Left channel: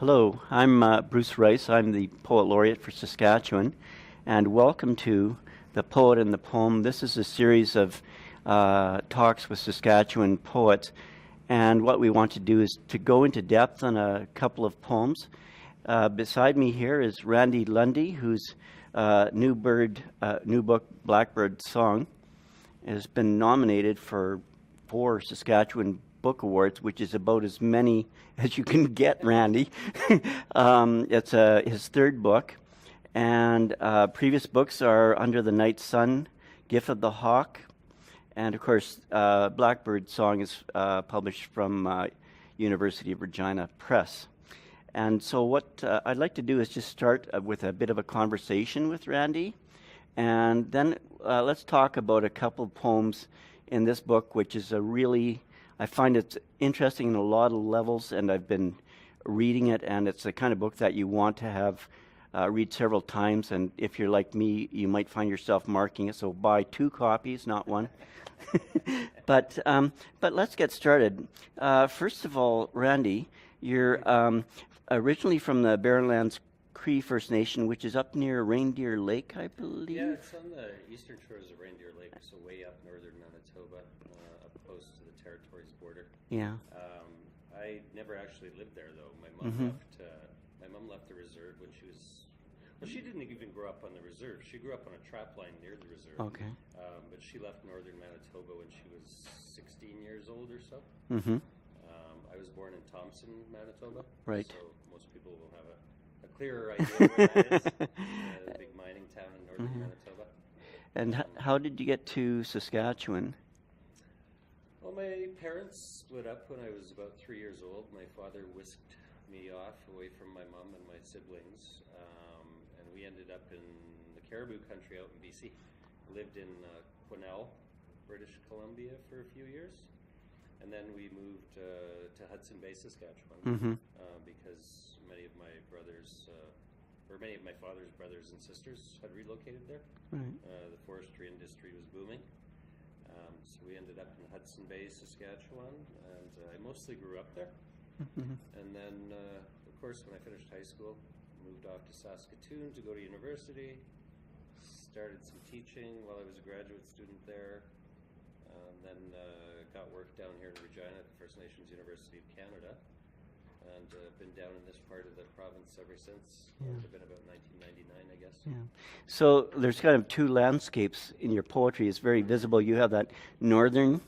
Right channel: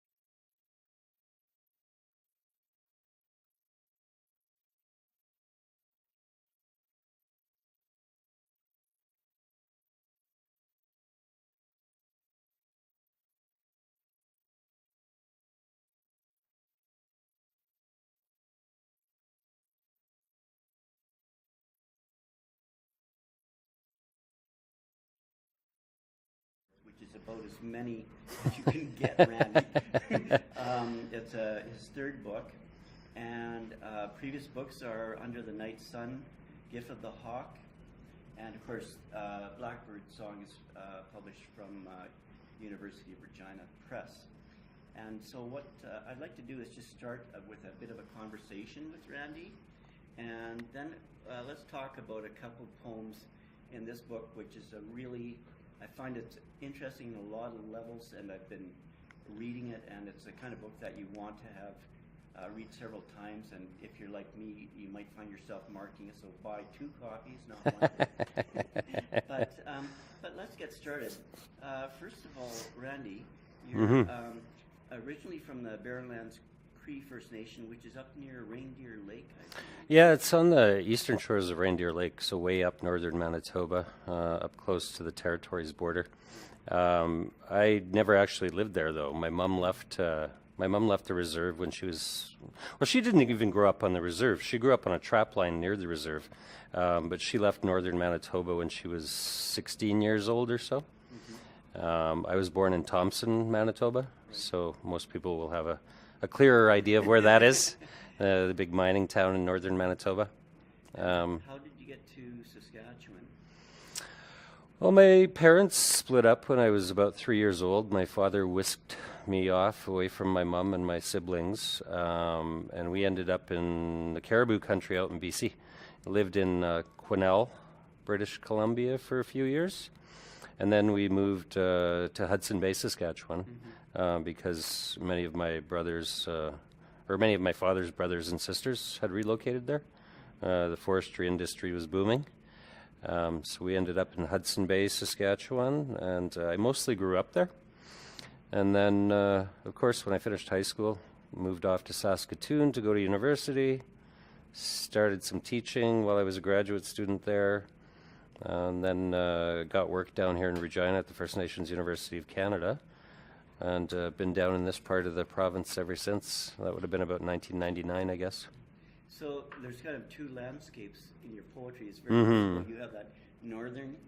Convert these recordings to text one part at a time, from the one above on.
Hello, I'm Bruce Rice. I'm the Poet Laureate for Saskatchewan, and welcome to The Poet and the Poem. This is a series of talks with Saskatchewan poets, and what we want to do is to go into depth on a couple of poems. Beside me here is Randy Lundy, whose new book, Blackbird Song, has been nominated for 4 Saskatchewan Book Awards, which is about as many as you can get, Randy. It's his 3rd book, and previous books are Under the Night Sun, Gift of the Hawk, and of course Blackbird Song is published from University of Regina Press. And so what I'd like to do is just start with a bit of a conversation with Randy, and then let's talk about a couple of poems in this book, which is I find it interesting in a lot of levels, and I've been reading it, and it's the kind of book that you want to have read several times, and if you're like me, you might find yourself marking it, so buy 2 copies, not 1. But let's get started. First of all, Randy, you're originally from the Barren Cree First Nation, which is up near Reindeer Lake, I believe? Yeah, it's on the eastern shores of Reindeer Lake, so way up northern Manitoba, up close to the territory's border. Yeah. I never actually lived there, though. My mom left the reserve when she was... Well, she didn't even grow up on the reserve. She grew up on a trap line near the reserve. Okay. But she left northern Manitoba when she was 16 years old or so. I was born in Thomson, Manitoba. Right. So most people will have a clearer idea of where that is, the big mining town in northern Manitoba. And how did you get to Saskatchewan? Well, my parents split up when I was about 3 years old. My father whisked me off away from my mom and my siblings, and we ended up in the Caribou country out in BC. I lived in Quesnel, British Columbia for a few years. And then we moved to Hudson Bay, Saskatchewan, because many of my father's brothers and sisters had relocated there. The forestry industry was booming. So we ended up in Hudson Bay, Saskatchewan, and I mostly grew up there. And then, of course, when I finished high school, moved off to Saskatoon to go to university, started some teaching while I was a graduate student there. And then got work down here in Regina at the First Nations University of Canada, and been down in this part of the province ever since. That would have been about 1999, I guess. Yeah. So there's kind of 2 landscapes in your poetry. It's very visible. You have that northern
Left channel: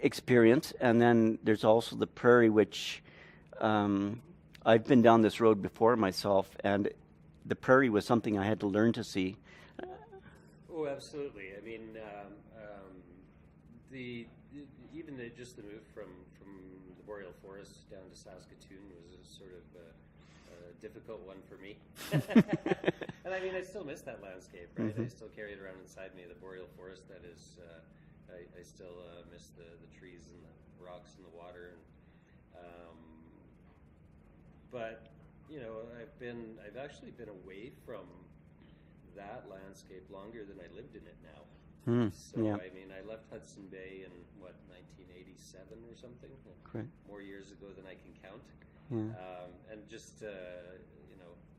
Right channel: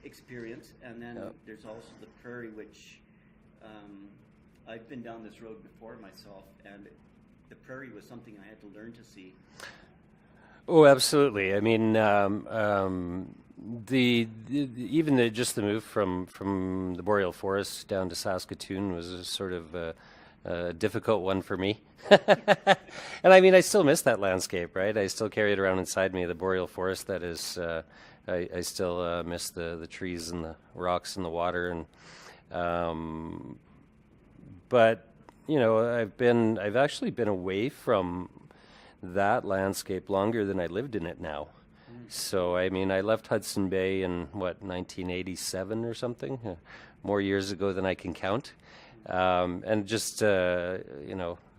experience, and then there's also the prairie, which I've been down this road before myself, and the prairie was something I had to learn to see. Oh, absolutely. I mean, just the move from the boreal forest down to Saskatoon was a sort of a difficult one for me. And I mean, I still miss that landscape, right? I still carry it around inside me, the boreal forest. That is, I still miss the trees and the rocks and the water. And but you know, I've actually been away from that landscape longer than I lived in it now. So, I mean, I left Hudson Bay in, 1987 or something? More years ago than I can count. And just, a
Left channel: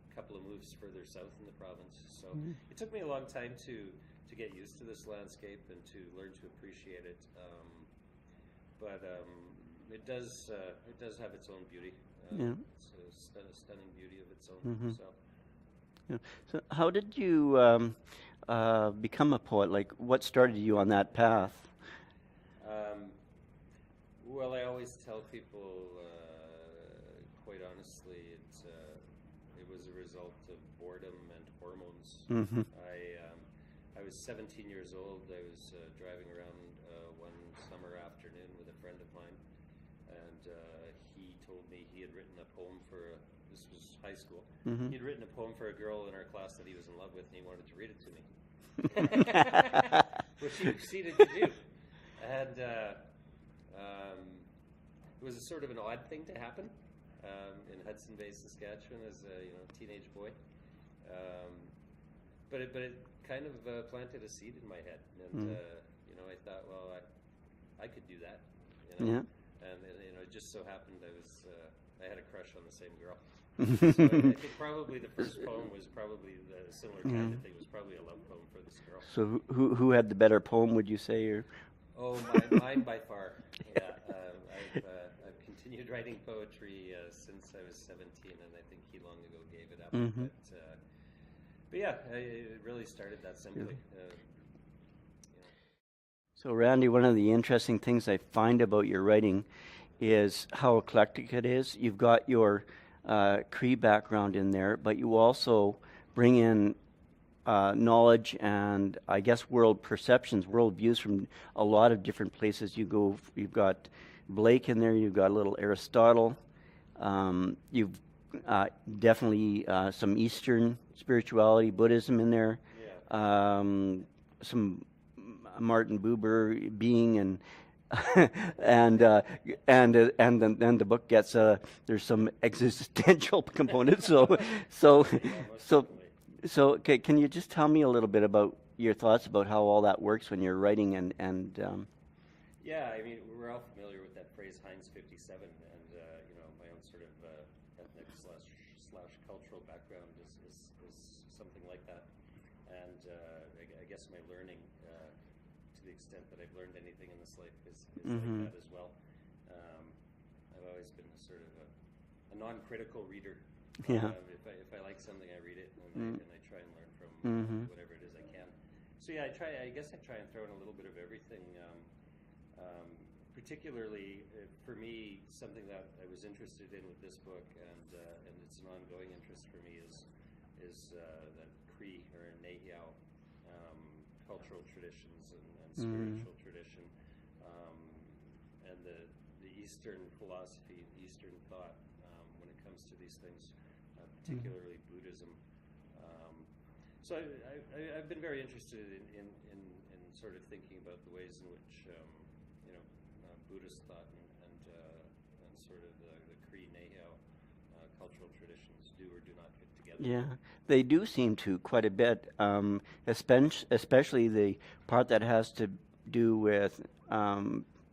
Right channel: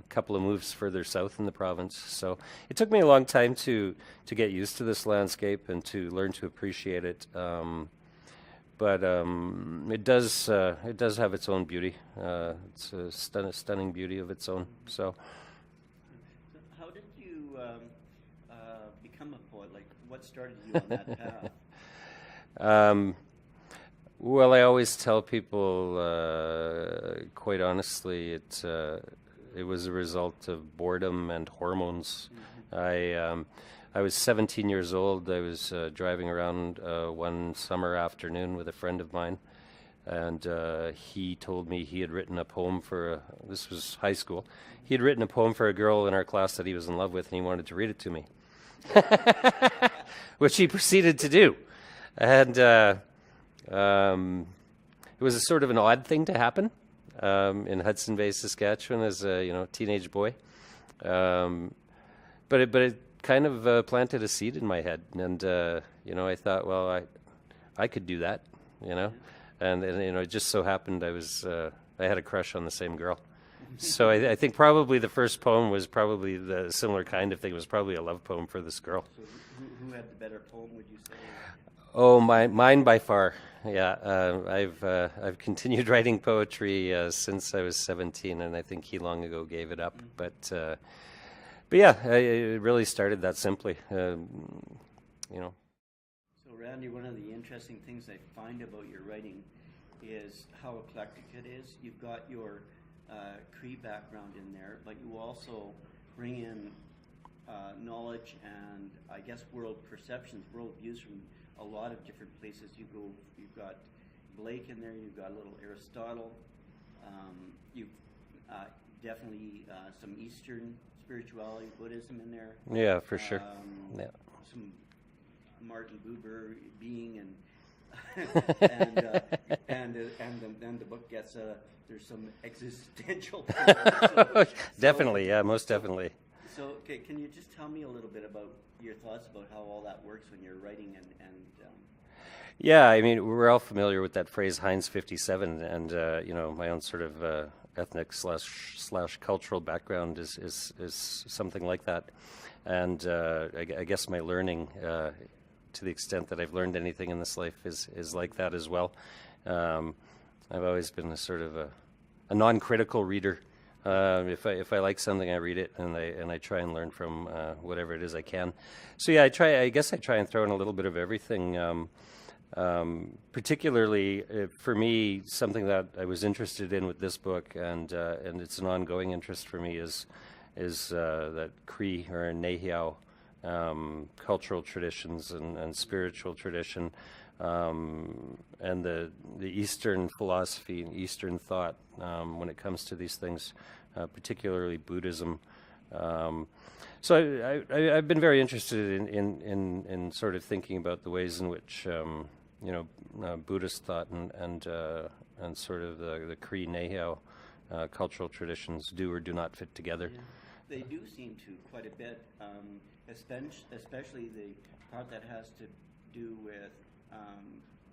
couple of moves further south in the province. So it took me a long time to get used to this landscape and to learn to appreciate it. But it does have its own beauty. It's a stunning beauty of its own. So how did you become a poet? Like, what started you on that path? Well, I always tell people, quite honestly, it was a result of boredom and hormones. I was 17 years old. I was driving around one summer afternoon with a friend of mine, and he told me he had written a poem this was high school. He had written a poem for a girl in our class that he was in love with, and he wanted to read it to me, which he proceeded to do. And it was a sort of an odd thing to happen in Hudson Bay, Saskatchewan, as a teenage boy. But it kind of planted a seed in my head, and I thought, well, I could do that, And it just so happened I I had a crush on the same girl. So I think probably the first poem was probably the similar kind of thing. It was probably a love poem for this girl. So who had the better poem, would you say? Or? Oh, mine by far. Yeah, I've continued writing poetry since I was 17, and I think he long ago gave it up. But yeah, it really started that simply. So Randy, one of the interesting things I find about your writing is how eclectic it is. You've got your Cree background in there, but you also bring in knowledge and, I guess, world perceptions, world views from a lot of different places you go. You've got Blake in there, you've got a little Aristotle, you've definitely some Eastern spirituality, Buddhism in there. Yeah, for sure. Some Martin Buber being and and then the book gets there's some existential components. Definitely, yeah, most definitely. So can you just tell me a little bit about your thoughts about how all that works when you're writing and Yeah, I mean, we're all familiar with that phrase Heinz 57, and my own sort of ethnic slash cultural background is something like that, and I guess my learning, to the extent that I've learned anything in this life, is like that as well. I've always been a sort of a non-critical reader. If I like something, I read it, and I try and learn from whatever it is I can. So yeah, I guess I try and throw in a little bit of everything. Particularly for me, something that I was interested in with this book, and it's an ongoing interest for me, is that Cree or Nehiao cultural traditions and spiritual tradition, and the Eastern philosophy and Eastern thought when it comes to these things, particularly Buddhism. So I've been very interested in sort of thinking about the ways in which Buddhist thought and sort of the Cree Nehiao cultural traditions do or do not fit together. Yeah, they do seem to quite a bit, especially the part that has to do with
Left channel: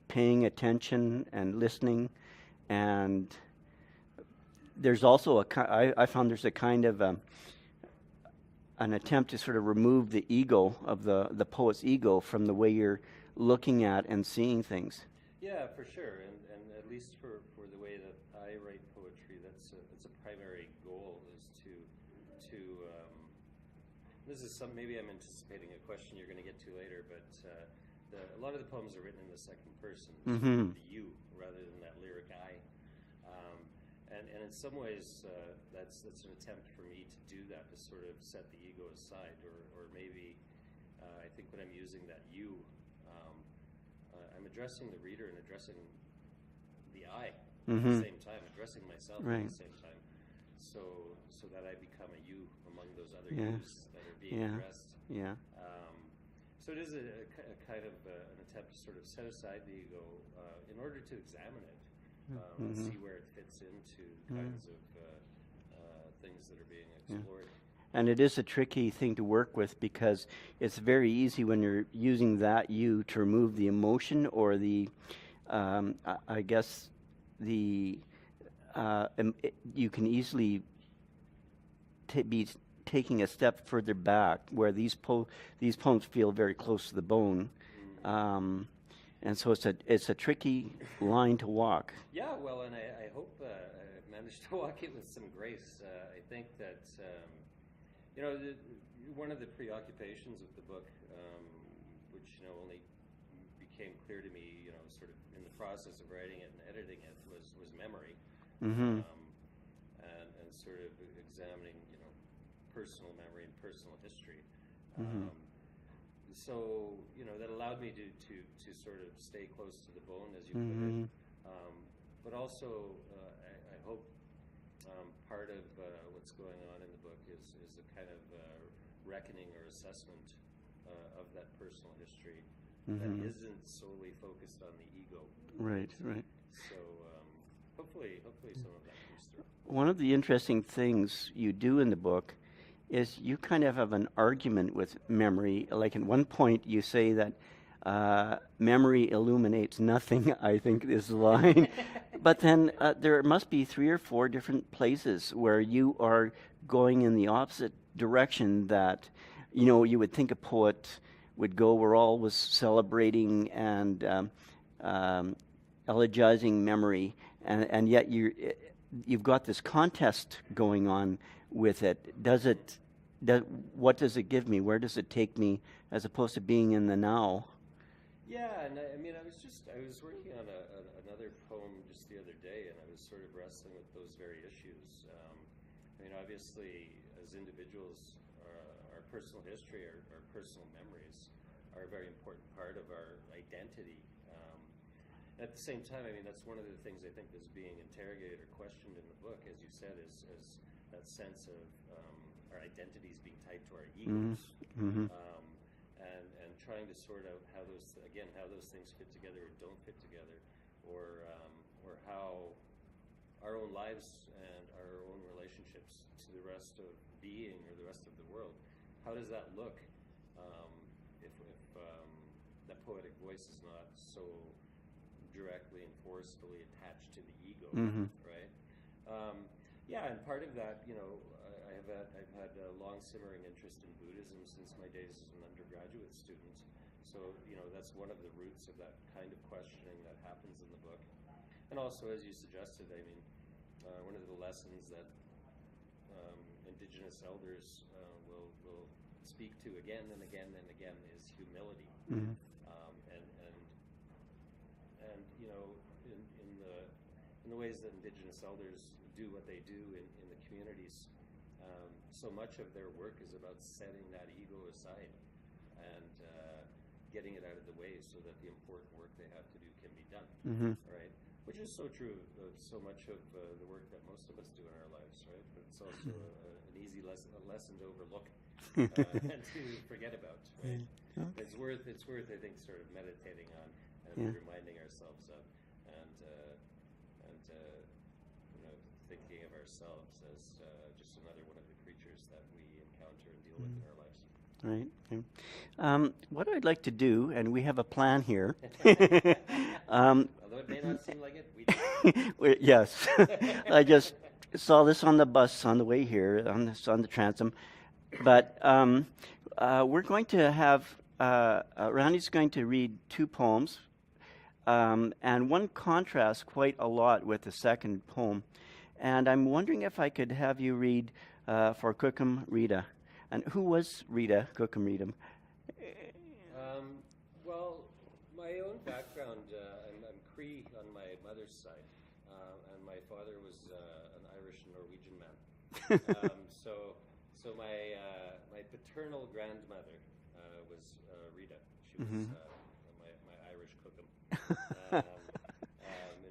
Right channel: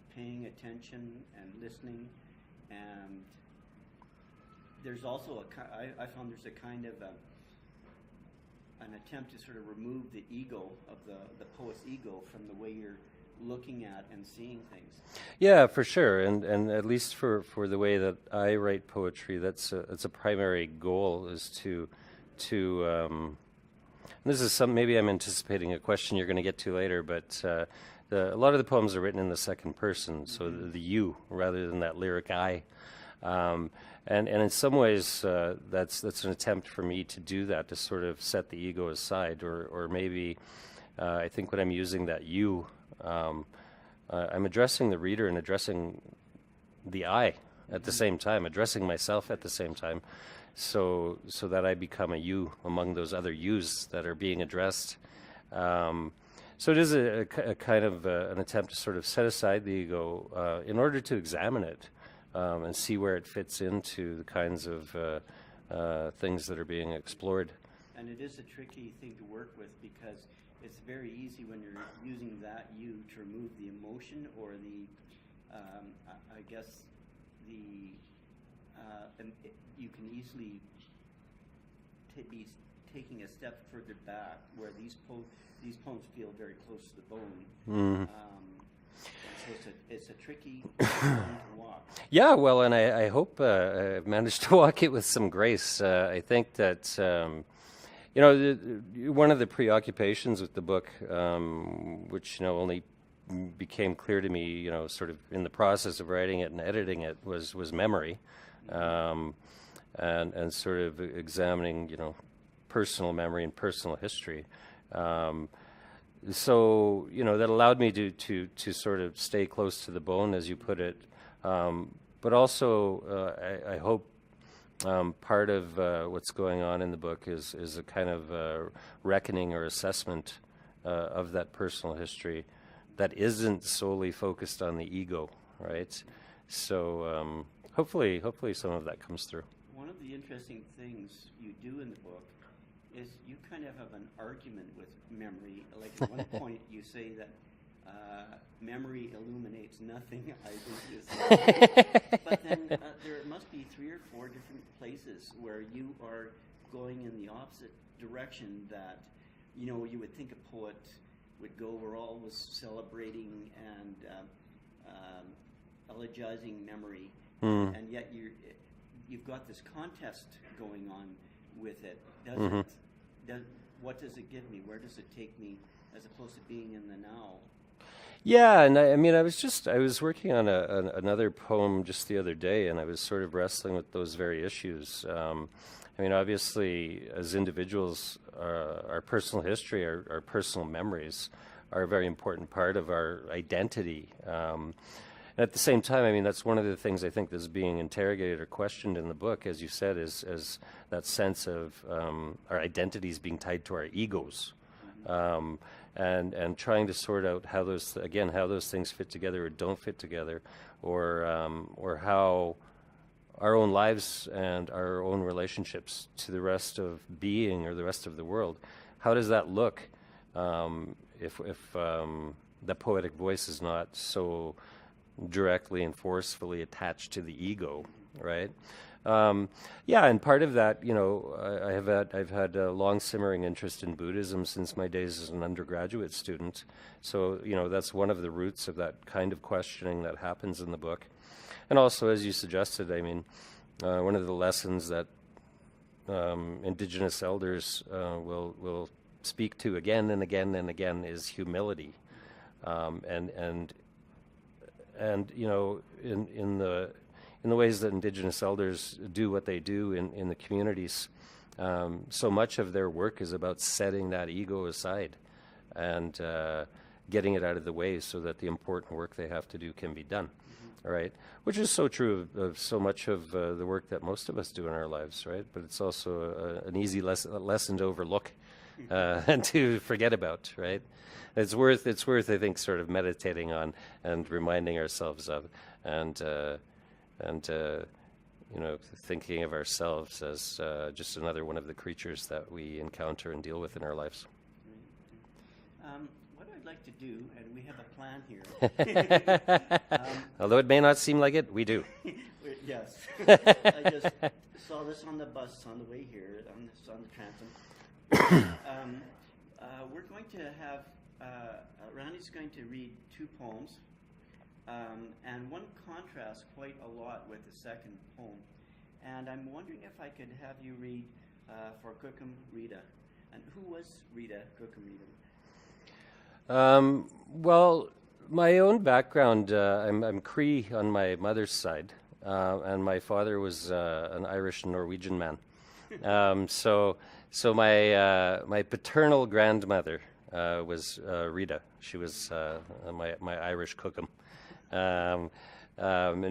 paying attention and listening, and there's also I found there's a kind of an attempt to sort of remove the ego of the poet's ego from the way you're looking at and seeing things. Yeah, for sure, and at least for the way that I write poetry, that's a primary goal, is to this is maybe I'm anticipating a question you're going to get to later, but a lot of the poems are written in the second person, so the you rather than that lyric I. And in some ways, that's an attempt for me to do that, to sort of set the ego aside, or maybe I think when I'm using that you, I'm addressing the reader and addressing the I at the same time, addressing myself at the same time, so that I become a you among those other yous that are being addressed. Yeah. So it is a kind of an attempt to sort of set aside the ego in order to examine it. And see where it fits into the kinds of things that are being explored. And it is a tricky thing to work with, because it's very easy when you're using that you to remove the emotion or the, I guess, the, you can easily be taking a step further back, where these poems feel very close to the bone. And so it's a tricky line to walk. Yeah, well, and I hope I've managed to walk it with some grace. I think that, one of the preoccupations with the book, which, only became clear to me, sort of in the process of writing it and editing it, was memory, and sort of examining, personal memory and personal history. So that allowed me to sort of stay close to the bone, as you put it, but also I hope part of what's going on in the book is a kind of reckoning or assessment of that personal history that isn't solely focused on the ego, right? So hopefully some of that comes through. One of the interesting things you do in the book is you kind of have an argument with memory. Like at one point you say that memory illuminates nothing, I think is the line. But then there must be 3 or 4 different places where you are going in the opposite direction that, you would think a poet would go. We're always celebrating and elegizing memory, and yet you've got this contest going on with it. What does it give me? Where does it take me, as opposed to being in the now? Yeah, and I mean, I was working on another poem just the other day, and I was sort of wrestling with those very issues. I mean, obviously, as individuals, our personal history, our personal memories are a very important part of our identity. At the same time, I mean, that's one of the things I think that's being interrogated or questioned in the book, as you said, is that sense of our identities being tied to our egos. And trying to sort out how those things fit together or don't fit together, or how our own lives and our own relationships to the rest of being or the rest of the world, how does that look if the poetic voice is not so directly and forcefully attached to the ego, right? Yeah, and part of that, I've had a long simmering interest in Buddhism since my days as an undergraduate student. So, that's one of the roots of that kind of questioning that happens in the book. And also, as you suggested, I mean, one of the lessons that Indigenous elders will speak to again and again and again is humility. In the ways that Indigenous elders do what they do in the communities, so much of their work is about setting that ego aside and getting it out of the way so that the important work they have to do can be done, right? Which is so true of so much of the work that most of us do in our lives, right? But it's also an easy lesson to overlook and to forget about, right? It's worth, I think, sort of meditating on and reminding ourselves of, and thinking of ourselves as just another one of the creatures that we encounter and deal with in our lives. Right. What I'd like to do, and we have a plan here. Although it may not seem like it, we do. Yes. I just saw this on the bus on the way here, on the transom. But we're going to have, Randy's going to read 2 poems. And one contrasts quite a lot with the second poem. And I'm wondering if I could have you read for Cookham Rita. And who was Rita, Cookham Rita? Well, my own background, I'm Cree on my mother's side, and my father was an Irish and Norwegian man. So my paternal grandmother was Rita. She was my Irish Cookham, and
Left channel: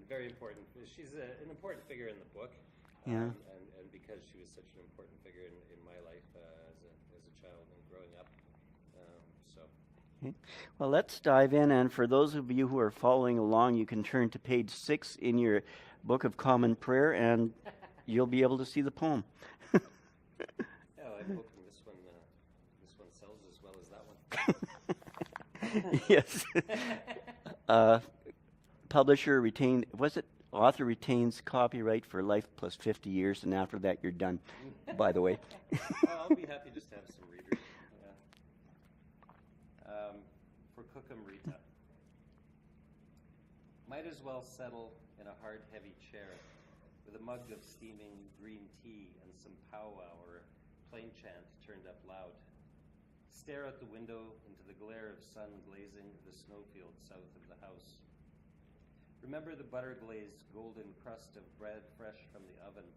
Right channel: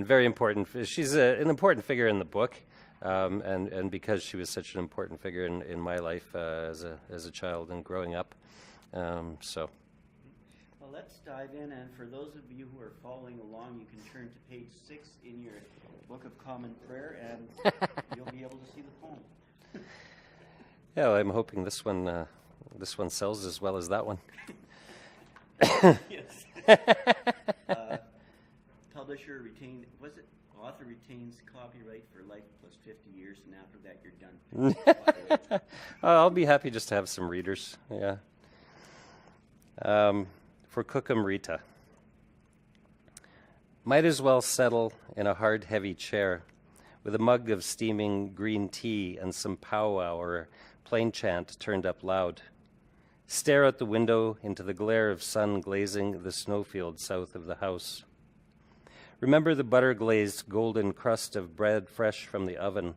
very important. She's an important figure in the book, and because she was such an important figure in my life as a child and growing up. Well, let's dive in, and for those of you who are following along, you can turn to page 6 in your Book of Common Prayer, and you'll be able to see the poem. Yeah, well, I'm hoping this one sells as well as that one. Yes. Publisher retained, author retains copyright for life plus 50 years, and after that you're done, by the way. I'll be happy just to have some readers, yeah. For Cookham Rita. Might as well settle in a hard, heavy chair with a mug of steaming green tea and some powwow or plain chant turned up loud. Stare out the window into the glare of sun glazing the snowfield south of the house. Remember the butter-glazed golden crust of bread fresh from the oven.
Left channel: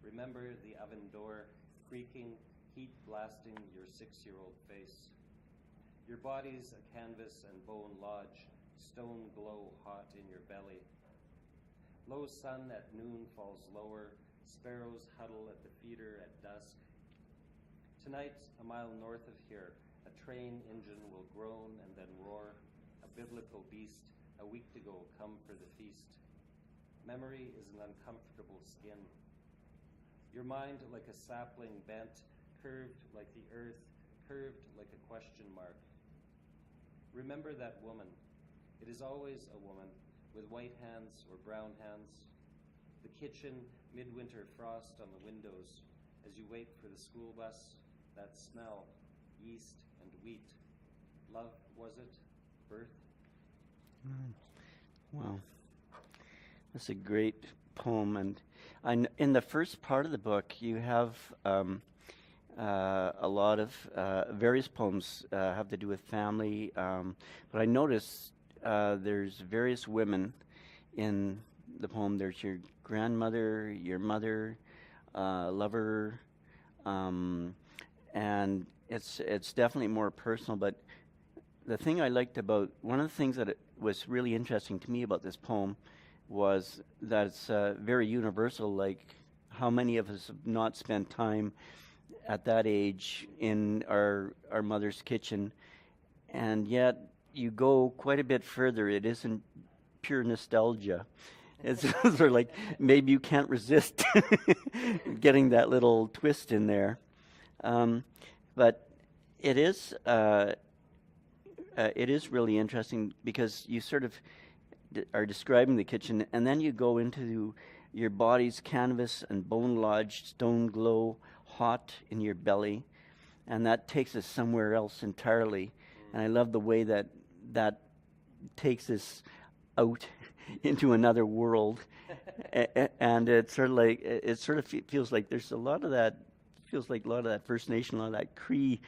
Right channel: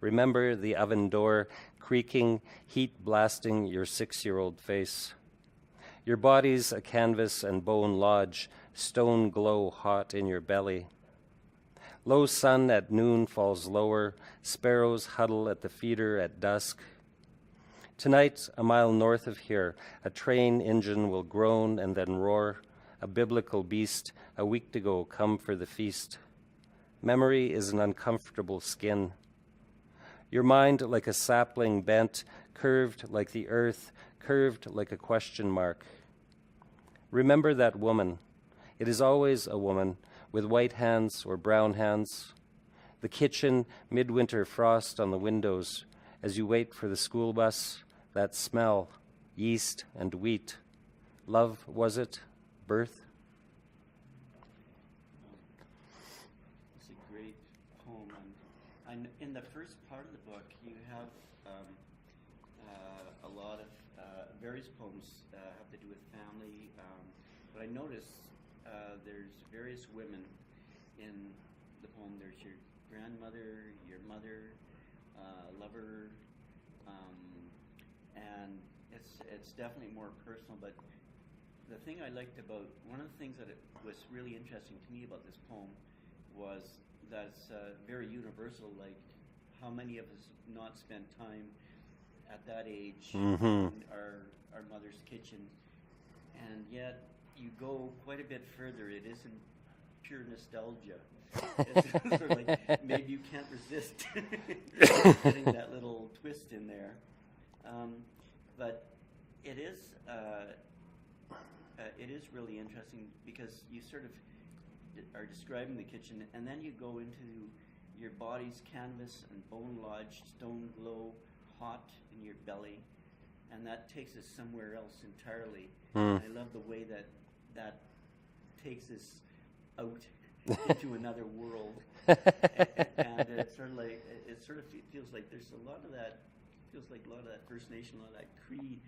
Remember the oven door creaking, heat blasting your 6-year-old face. Your body's a canvas and bone lodge, stone glow hot in your belly. Low sun at noon falls lower, sparrows huddle at the feeder at dusk. Tonight, a mile north of here, a train engine will groan and then roar, a biblical beast, a week to go, come for the feast. Memory is an uncomfortable skin. Your mind like a sapling bent, curved like the earth, curved like a question mark. Remember that woman. It is always a woman, with white hands or brown hands. The kitchen, midwinter frost on the windows, as you wait for the school bus, that smell, yeast and wheat. Love, was it? Birth? Wow. That's a great poem. And in the first part of the book, you have a lot of various poems have to do with family. But I notice there's various women in the poem. There's your grandmother, your mother, lover, and it's definitely more personal. But the thing I liked about, one of the things that was really interesting to me about this poem was that it's very universal, like how many of us have not spent time at that age in our mother's kitchen, and yet you go quite a bit further. It isn't pure nostalgia. It's sort of like maybe you can't resist getting that little twist in there. But it is really interesting because you sort of are describing the kitchen, and then you go into your body's canvas and bone-lodged stone glow, hot in your belly, and that takes us somewhere else entirely. And I love the way that takes us out into another world, and it's sort of like feels like there's a lot of that. Feels like a lot of that First Nation, a lot of that Cree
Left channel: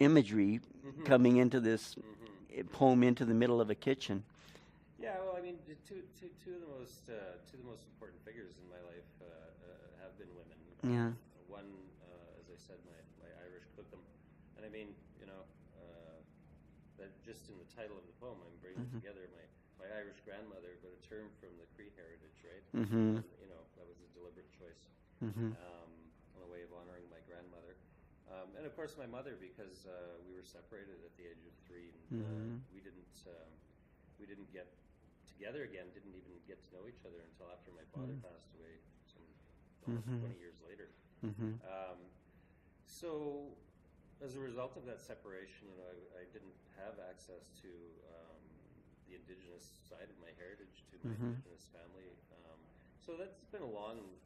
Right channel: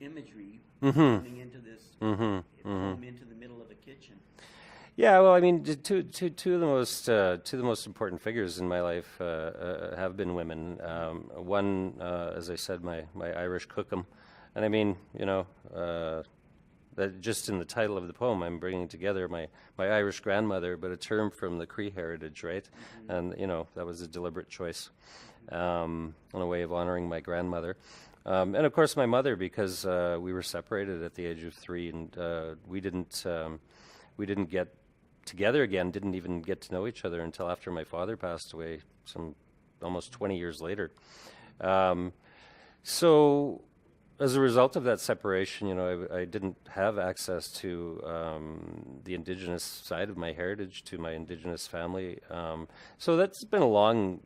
imagery coming into this poem into the middle of a kitchen. Yeah, well, I mean, two of the most important figures in my life have been women. One, as I said, my Irish cookum, and I mean, that just in the title of the poem, I'm bringing together my Irish grandmother, but a term from the Cree heritage, right? And that was a deliberate choice, and a way of honoring my grandmother. And of course, my mother, because we were separated at the age of 3, and we didn't get together again, didn't even get to know each other until after my father passed away, some almost 20 years later. So as a result of that separation, I didn't have access to the Indigenous side of my heritage, to my Indigenous family. So that's been a long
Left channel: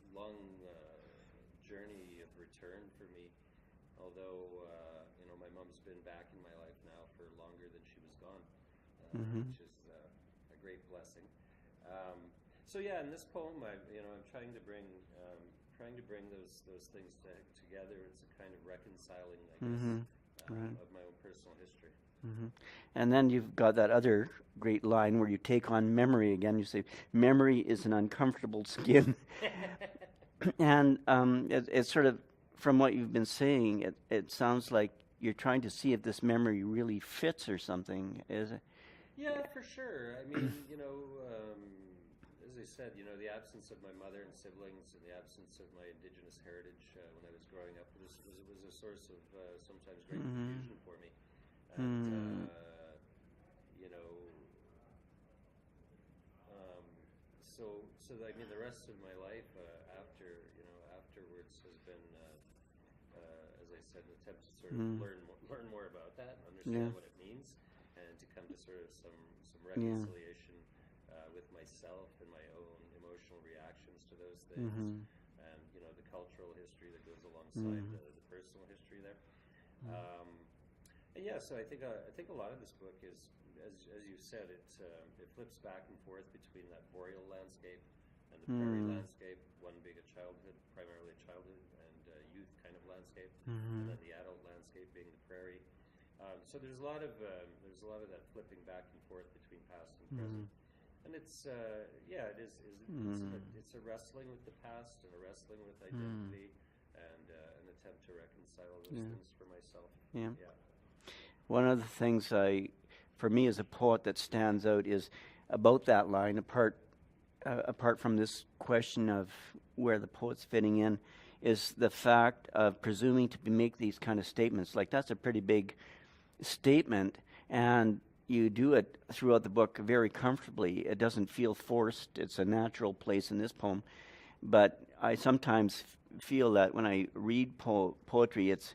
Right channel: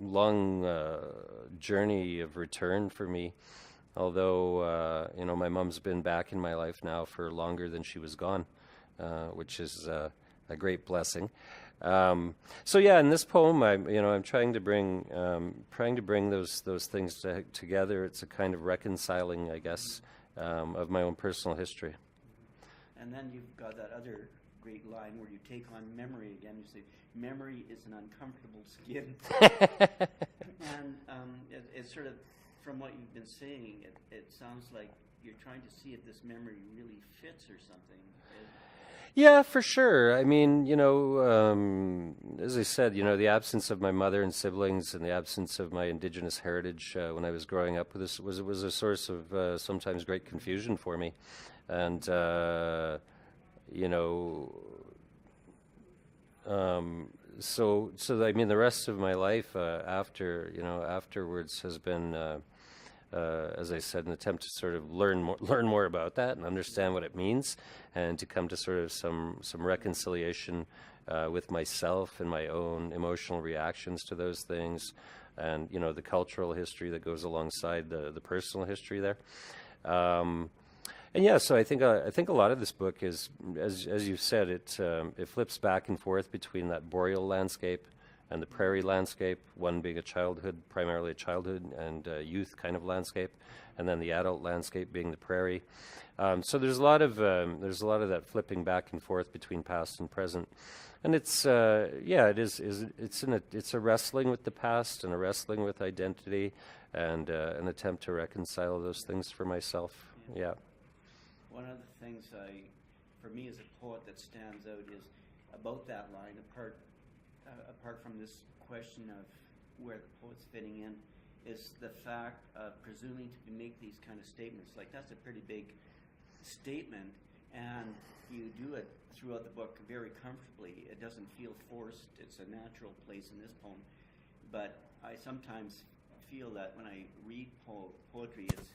journey of return for me. Although, my mom's been back in my life now for longer than she was gone, which is a great blessing. So yeah, in this poem, I'm trying to bring those things together. It's a kind of reconciling, I guess, of my own personal history. And then you've got that other great line where you take on memory again. You say, "Memory is an uncomfortable skin," and it's sort of, from what you've been saying, it sounds like you're trying to see if this memory really fits or something. Is it? Yeah, for sure. I mean, as I said, the absence of my mother and siblings and the absence of my Indigenous heritage when I was growing up was a source of sometimes great confusion for me. And, so I mean, the rest of my life afterwards has been, as I said, an attempt to sort of learn more about that and understand what it means, and to come to sort of some reconciliation with myself and my own emotional reactions to those things, and the cultural history that goes alongside the personal history there. And yeah, so I think a lot of this book is, as you said, it flips back and forth between that boreal landscape and the prairie landscape, one being primarily a childhood and youth kind of landscape, and then the adult landscape being the prairie. So there's a lot of that flipping back and forth between past and present, and it's it's a wrestling with the past and a wrestling with identity, and an attempt to reconcile those things for myself. Yeah. One of the things for me as a poet that stands out is about that line, apart from this question of where the poet's fitting in, is the fact of presuming to make these kind of statements. Like, that's a pretty big statement, and you do it throughout the book very comfortably. It doesn't feel forced. It's a natural place in this poem. But I sometimes feel that when I read poetry, it's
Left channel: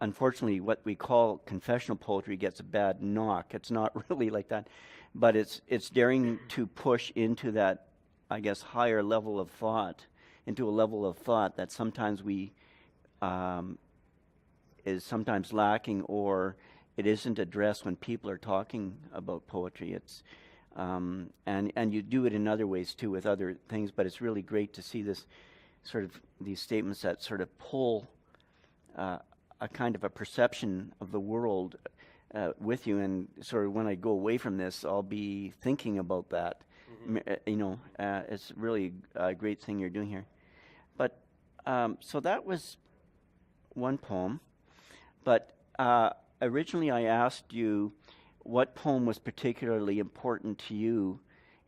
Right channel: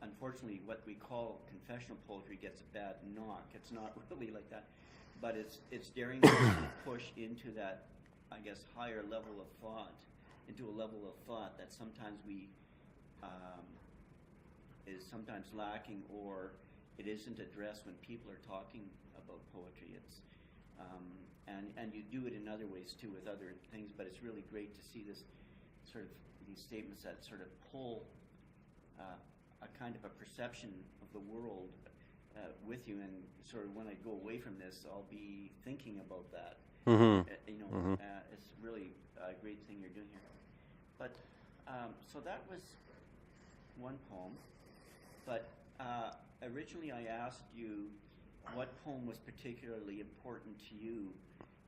unfortunately, what we call confessional poetry gets a bad knock. It's not really like that, but it's daring to push into that, I guess, higher level of thought, into a level of thought that sometimes is sometimes lacking, or it isn't addressed when people are talking about poetry. It's and you do it in other ways too with other things, but it's really great to see this sort of these statements that sort of pull a kind of a perception of the world with you, and sort of when I go away from this, I'll be thinking about that. It's really a great thing you're doing here. But so that was one poem. But originally I asked you what poem was particularly important to you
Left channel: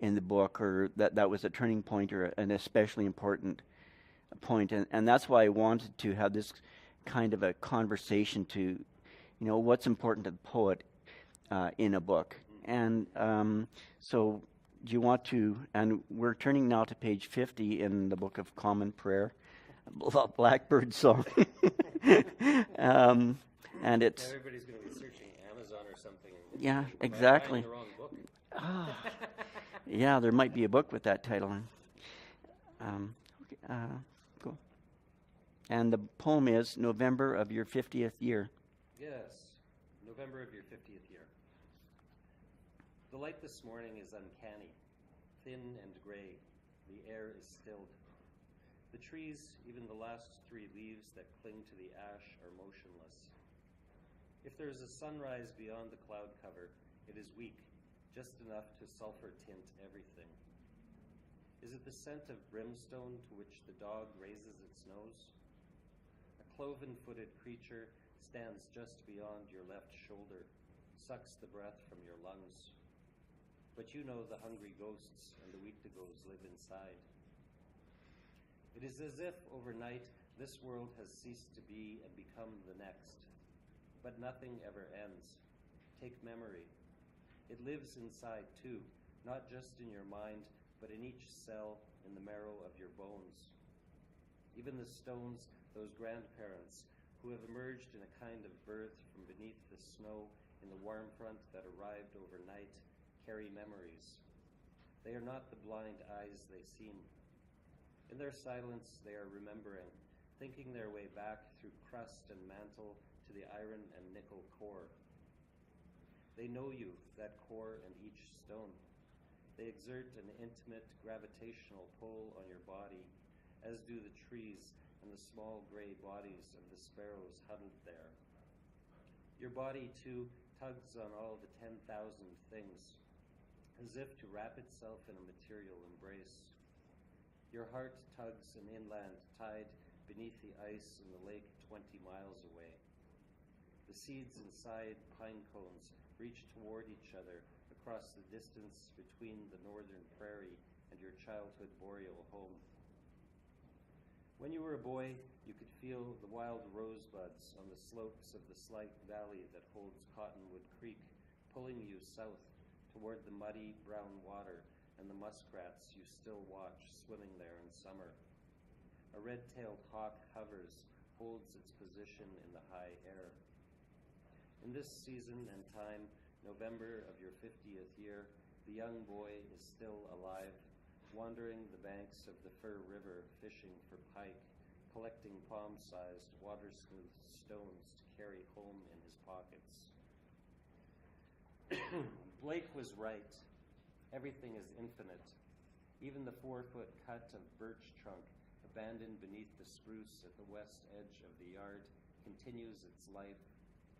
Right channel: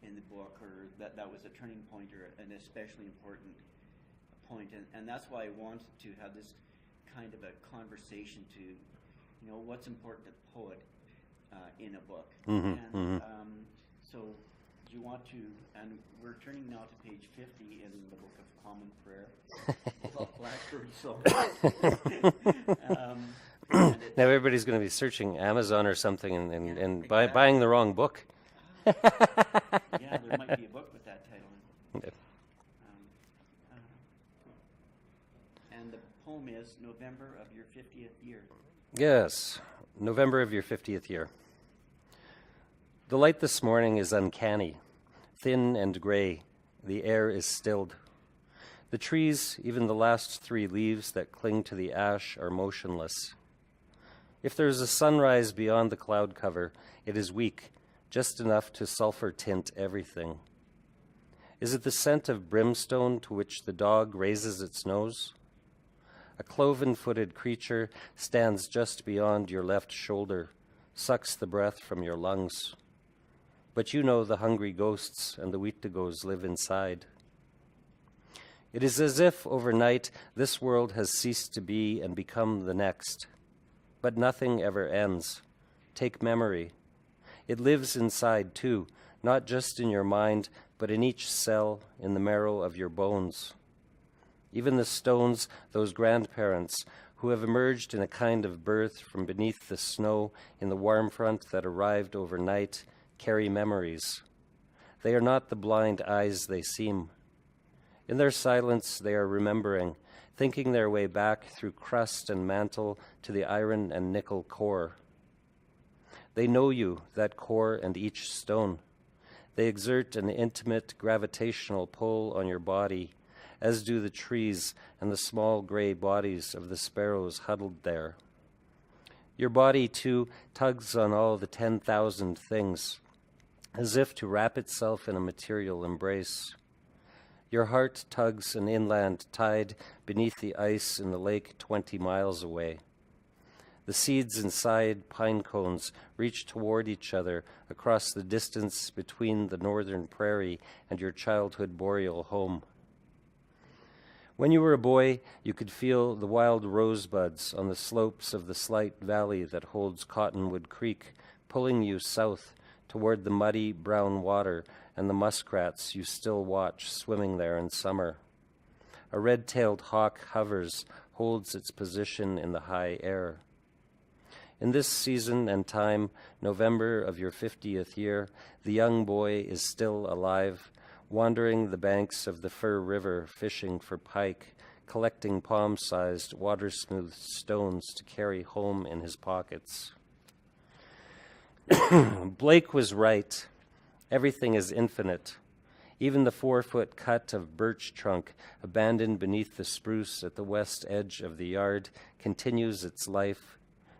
in the book, or that was a turning point or an especially important point. And that's why I wanted to have this kind of a conversation to, what's important to the poet in a book. So do you want to, and we're turning now to page 50 in the Book of Common Prayer, Blackbird Song. And it's, now everybody's going to be searching Amazon or something and exactly. buying the wrong book. Yeah, there might be a book with that title. Cool. And the poem is November of Your 50th Year. Yes, November of your 50th year. The light this morning is uncanny, thin and gray. The air is stilled. The trees, even the last 3 leaves that cling to the ash, are motionless. If there is a sunrise beyond the cloud cover, it is weak, just enough to sulfur tint everything. Is it the scent of brimstone to which the dog raises its nose? A cloven-footed creature stands just beyond your left shoulder, sucks the breath from your lungs. But you know the hungry ghosts and the Wheatigos live inside. It is as if overnight this world has ceased to be and become the next. But nothing ever ends. Take memory. It lives inside too, not just in your mind, but in each cell, in the marrow of your bones. Even the stones, those grandparents who have emerged in a kind of birth from beneath the snow in the warm front that arrived overnight, carry memories. They are not the blind eyes they seem. In their silence they are remembering, thinking their way back through crust and mantle to the iron and nickel core. They know you, that core and each stone. They exert an intimate gravitational pull on your body, as do the trees and the small gray bodies of the sparrows huddled there. Your body, too, tugs on all the 10,000 things, as if to wrap itself in a material embrace. Your heart tugs an inland tide beneath the ice in the lake 20 miles away. The seeds inside pine cones reach toward each other across the distance between the northern prairie and your childhood boreal home. When you were a boy, you could feel the wild rosebuds on the slopes of the slight valley that holds Cottonwood Creek, pulling you south toward the muddy brown water and the muskrats you still watch swimming there in summer. A red-tailed hawk hovers, holds its position in the high air. In this season and time, November of your 50th year, the young boy is still alive, wandering the banks of the Fur River, fishing for pike, collecting palm-sized, water-smoothed stones to carry home in his pockets. Blake was right. Everything is infinite. Even the 4-foot cut of birch trunk abandoned beneath the spruce at the west edge of the yard continues its life,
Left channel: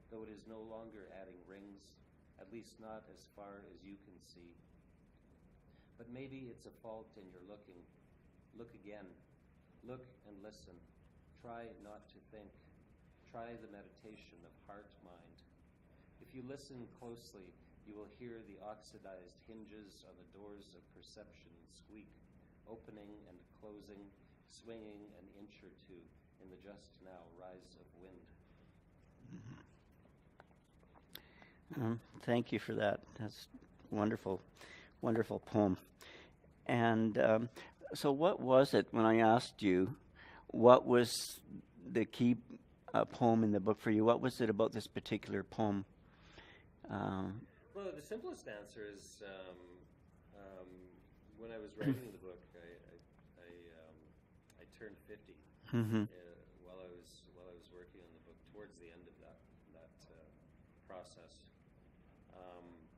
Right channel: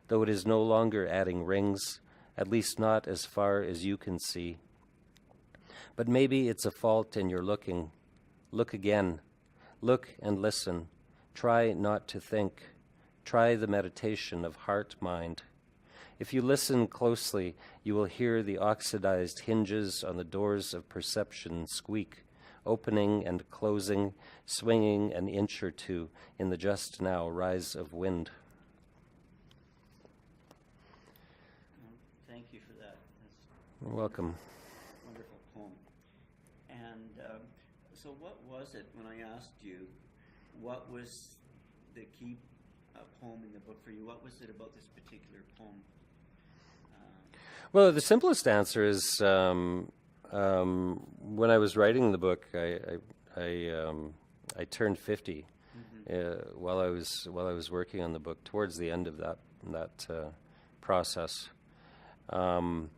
though it is no longer adding rings, at least not as far as you can see. But maybe it's a fault in your looking. Look again. Look and listen. Try not to think. Try the meditation of heart-mind. If you listen closely, you will hear the oxidized hinges on the doors of perception squeak, opening and closing, swinging an inch or two in the just now rise of wind. Thank you for that. That's Welcome. wonderful, wonderful poem. And so what was it, when I asked you, what was the key poem in the book for you. What was it about this particular poem? Well, the simplest answer is when I was writing the book, I turned 50 while I was working on the book. Towards the end of that process, and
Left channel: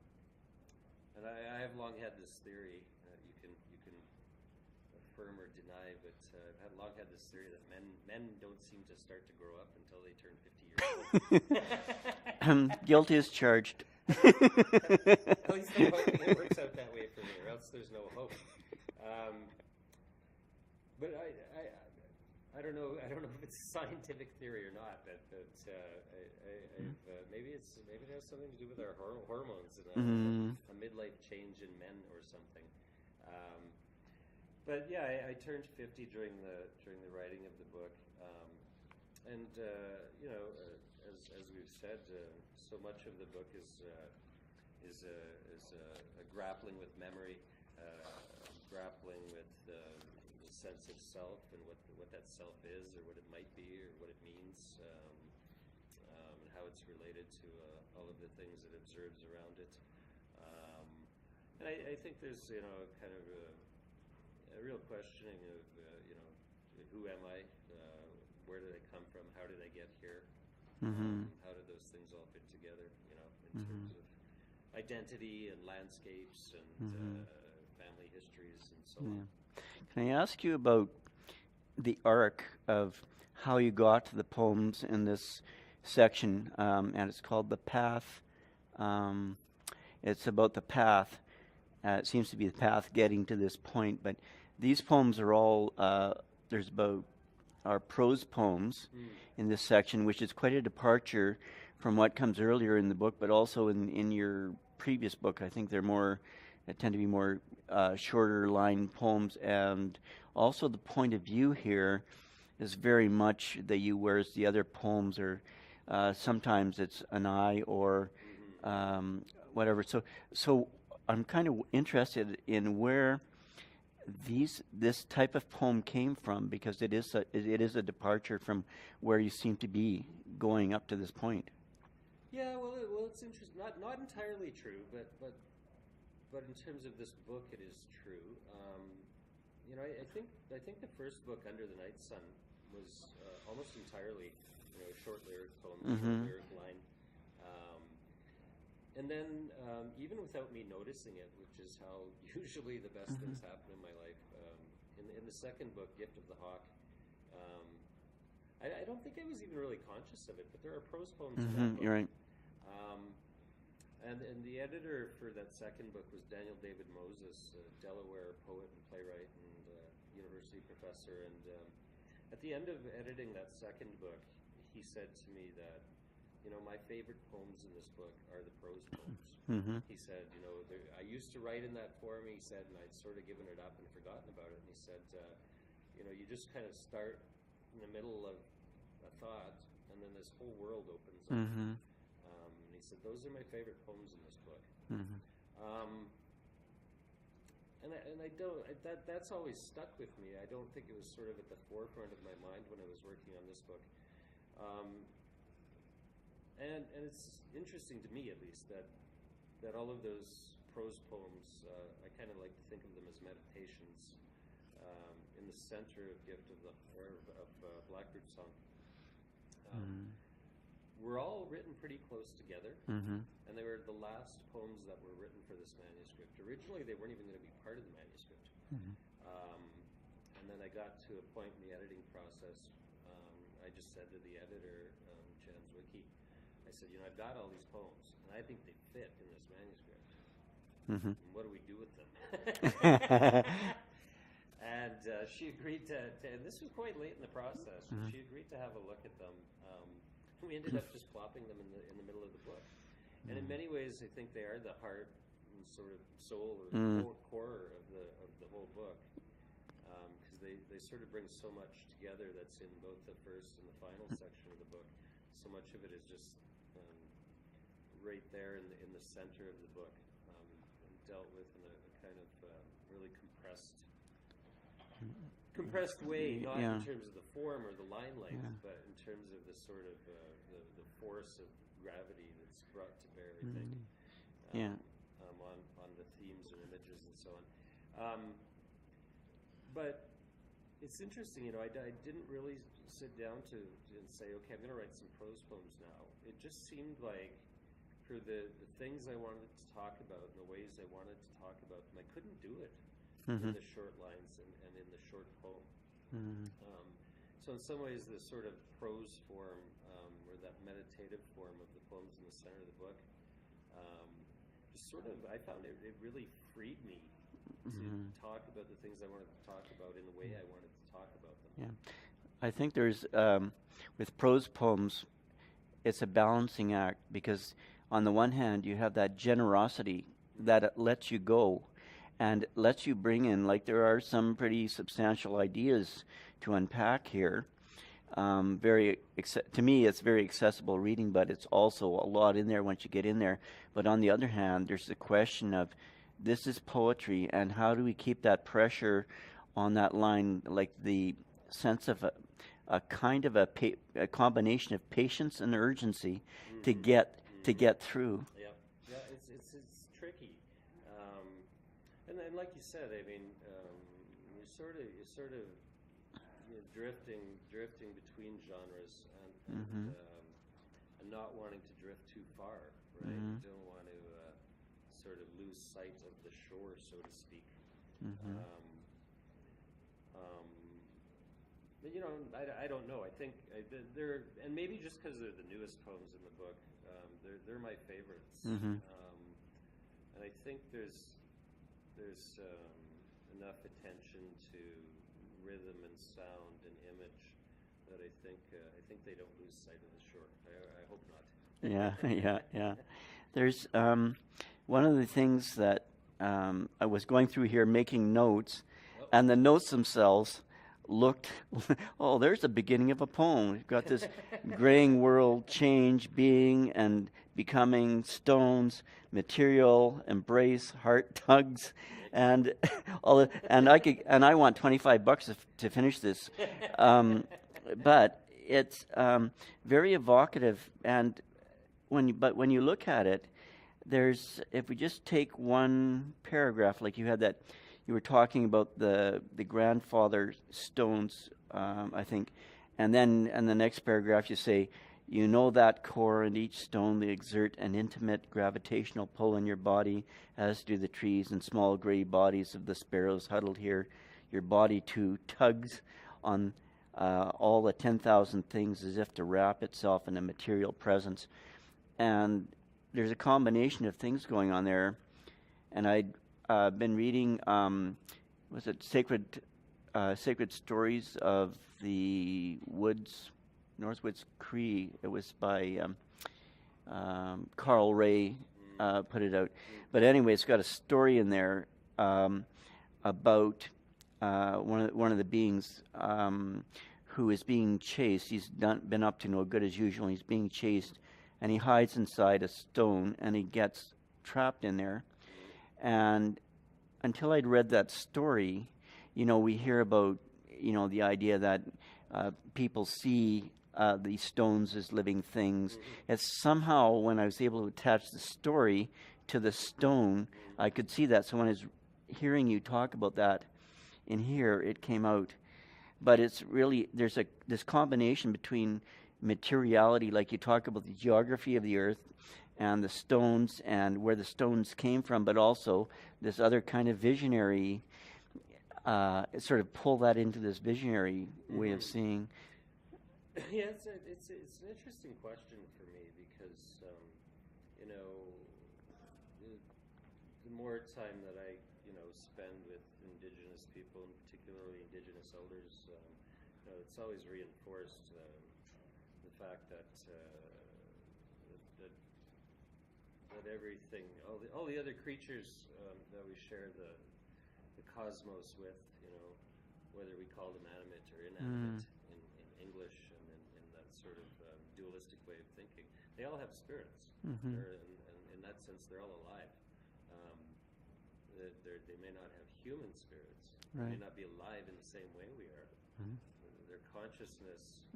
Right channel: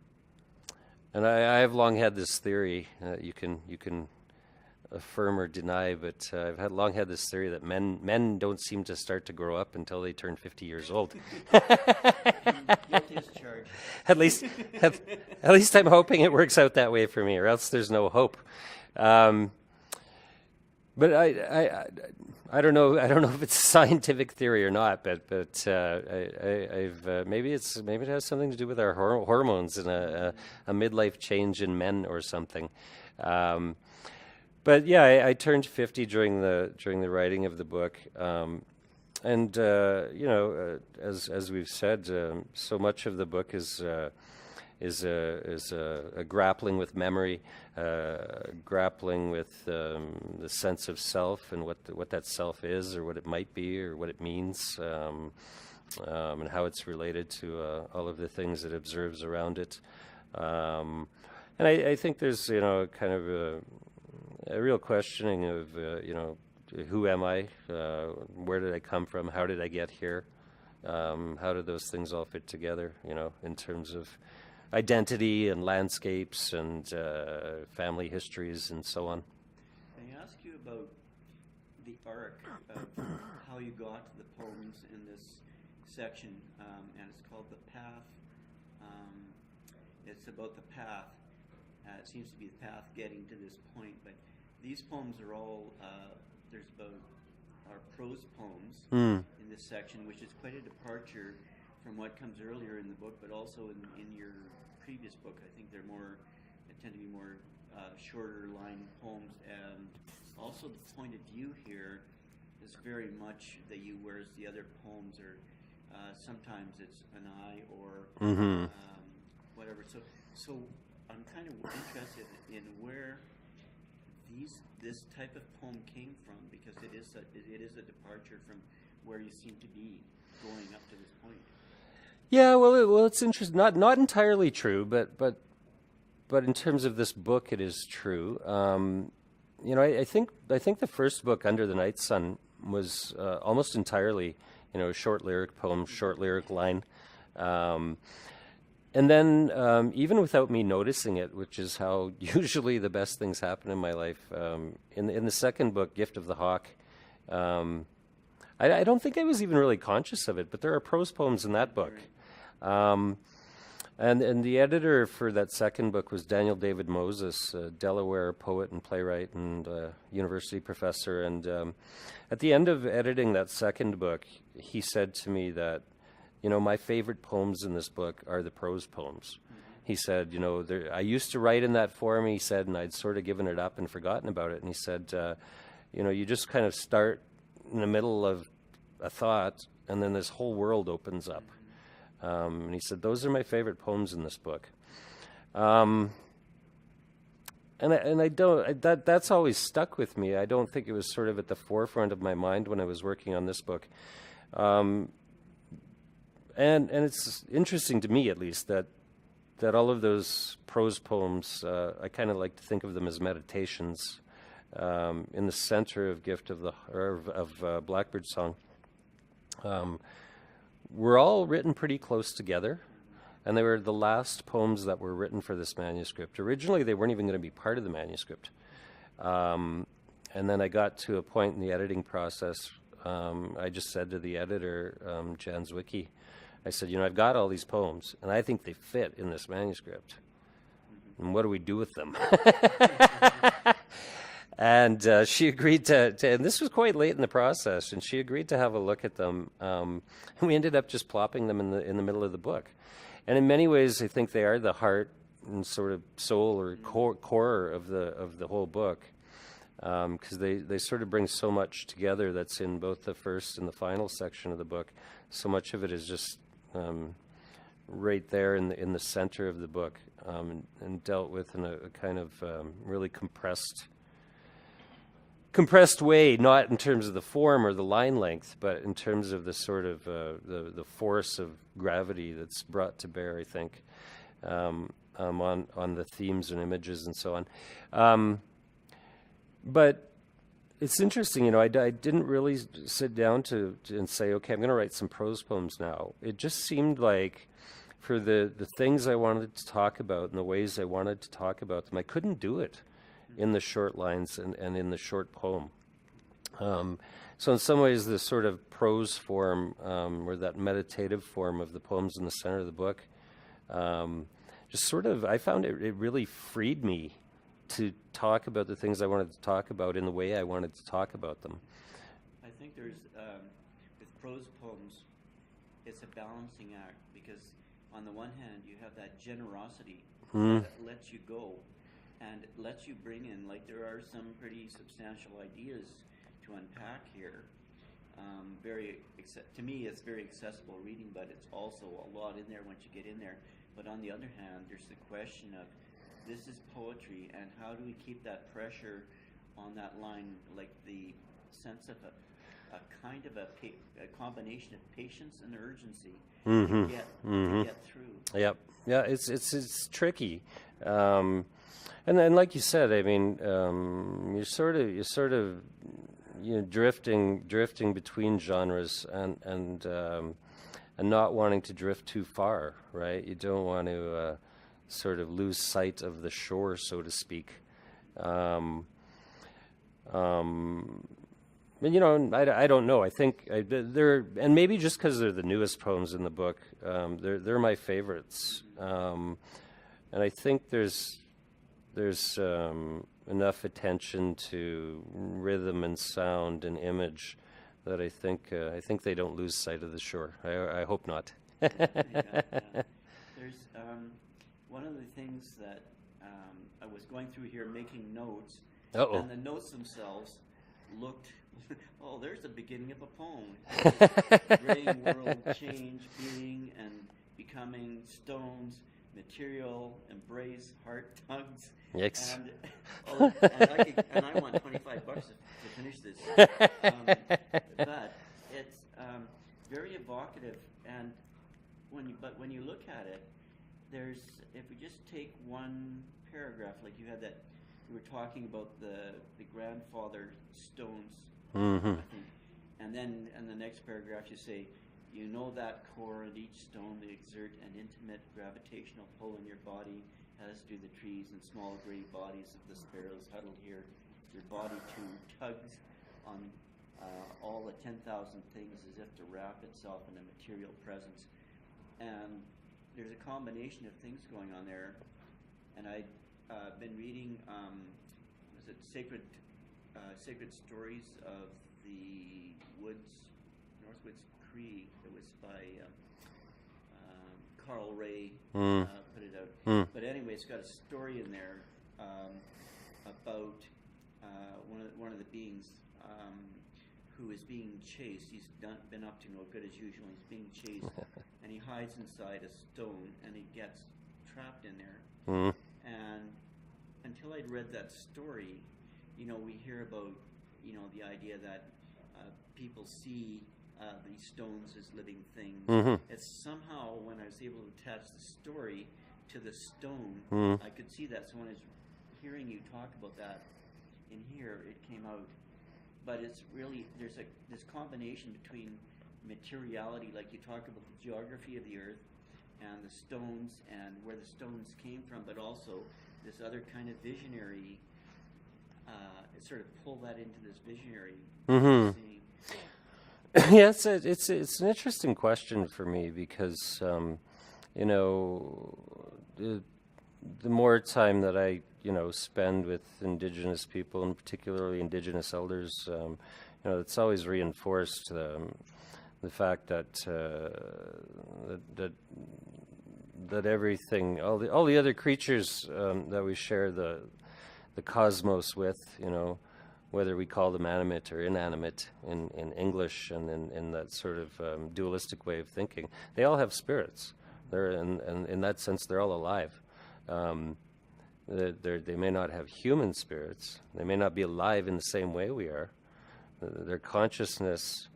I have long had this theory. You can affirm or deny, but I've long had this theory that men don't seem to start to grow up until they turn 50 years old. Guilty as charged. At least I'm hoping it works out that way for me, or else there's no hope. But I don't know. I don't know if it's a scientific theory or not. But maybe it has something to do with our hormones and a midlife change in men or something. But yeah, I turned 50 during the writing of the book, and as we've said, so much of the book is a grappling with memory, grappling with the sense of self and what that self is, or what it might be, or what it means, and how it's related to all of the things it observes around it. And I think there's kind of a real questioning of who am I, where did I come from, how did I get here, how do those things all fit together, in terms of identity and landscapes and family histories and so on. Can I ask you about the arc of how you got to the poems in this section? And it's called The Path. It's about the path. It seems to be the path getting to this point, but these poems are all, are prose poems in this section, which is quite a departure from what comes earlier in the book, but also in your previous book. I think they tend to be more shorter line poems, and also the point of view here is very much that you, whereas the other poems are sometimes it's an I or whatever. So I'm kind of interested in where this type of poem came from, because it is a departure from where you seem to be going up to this point. Yeah, well, it's interesting. Not entirely true, but in terms of this book, it is true. I think the first book, Under the Night Sun, was almost entirely, short lyric poem, short lyric line. And then, even without me noticing it, which is how usually the best things happen in my life, in the second book, Gift of the Hawk, I don't think I was even really conscious of it, but there are prose poems in that book. Right. And the editor for that second book was Daniel David Moses, a Delaware poet and playwright and university professor. And at the end of editing that second book, he said to me that, my favorite poems in this book are the prose poems. He said, I used to write in that form, he said, and I'd sort of given it up and forgotten about it. And he said, you just kind of start in the middle of a thought, and then this whole world opens up. And he said, those are my favorite poems in this book. And I don't, that's always stuck with me. I don't think it was sort of at the forefront of my mind when I was working on this book. And it's interesting to me, at least, that all of those prose poems, I kind of like to think of them as meditations. In the center of Blackbird Song, were all written pretty close together, and they were the last poems that were written for this manuscript. Originally, they weren't even going to be part of the manuscript. And then I got to a point in the editing process, I just said to the editor, Jan Zwicky, I said, I've got all these poems, and I think they fit in this manuscript. And what do we do with them? And she agreed to, and this was quite late in the process, and she agreed to have a look at them. And we ended up just plopping them in the middle of the book. And in many ways, I think they are the heart and sort of soul or core of the whole book, because they sort of bring so much together that's in both the first and the final section of the book. So much of it is just right there in the center of the book, and dealt with in a kind of really compressed compressed way, not in terms of the form or the line length, but in terms of the sort of the force of gravity that's brought to bear, I think, on the themes and images and so on. But it's interesting, you know, I didn't really sit down and say, okay, I'm going to write some prose poems now. It just seemed like for the things I wanted to talk about and the ways I wanted to talk about them, I couldn't do it in the short lines and in the short poem. So in some ways, the sort of prose form, or that meditative form of the poems in the center of the book, just sort of, I found it really freed me to talk about the things I wanted to talk about in the way I wanted to talk about them. Yeah. I think there's, with prose poems, it's a balancing act, because on the one hand, you have that generosity that it lets you go and lets you bring in, like, there are some pretty substantial ideas to unpack here. To me, it's very accessible reading, but it's also a lot in there once you get in there. But on the other hand, there's the question of, this is poetry, and how do we keep that pressure on that line, like the sense of a kind of a combination of patience and urgency to get through. Yep. Yeah, it's tricky. And then, like you said, I mean, you're sort of drifting between genres and not wanting to drift too far, right? You don't want to sort of lose sight of the shore, so to speak. And, you know, I don't know. I think they're, and maybe just because they're the newest poems in the book, they're my favorites. And I think there's enough attention to rhythm and sound and image that I think they don't lose sight of the shore. I hope not. Yeah. There's one of the things that I was going through here making notes, and the notes themselves looked, oh, there's the beginning of a poem. You've got this graying world, change, being and becoming, stones, material, embrace, heart tugs, and all. And I want $25 to finish this. But it's very evocative, and when you look at it, there's, if we just take one paragraph, like you had that, you were talking about the grandfather stones, I think, and then in the next paragraph you say, you know that core and each stone they exert an intimate gravitational pull on your body, as do the trees and small gray bodies of the sparrows huddled here. Your body too tugs on all the 10,000 things as if to wrap itself in a material presence. And there's a combination of things going on there. And I'd been reading, was it Sacred Stories of the Woods, Northwoods Cree. It was by Carl Ray put it out. But anyway, it's got a story in there about one of the beings who is being chased. He's been up to no good as usual. He's being chased, and he hides inside a stone, and he gets trapped in there. And until I'd read that story, you know, we hear about, you know, the idea that people see these stones as living things. It's somehow, when I was able to attach the story to the stone, I could see that. So when I was hearing you talk about that in here, it came out. But it's really, there's this combination between materiality, like you talk about the geography of the earth and the stones and where the stones came from, but also this other kind of visionary, sort of pull that into this visionary seeing. Yeah, it's an interesting question for me because, you know, the more time that I, you know, spend with Indigenous people, and particularly Indigenous elders, you know, it's always reinforced the fact that that everything, all the other creatures that we share the cosmos with, you know, whether we call them animate or inanimate in English and in that sort of dualistic way of thinking, they all have spirits. They're, and in that sense, they're all alive. They may not have human spirits. They may not be alive in the same way we are. Their consciousness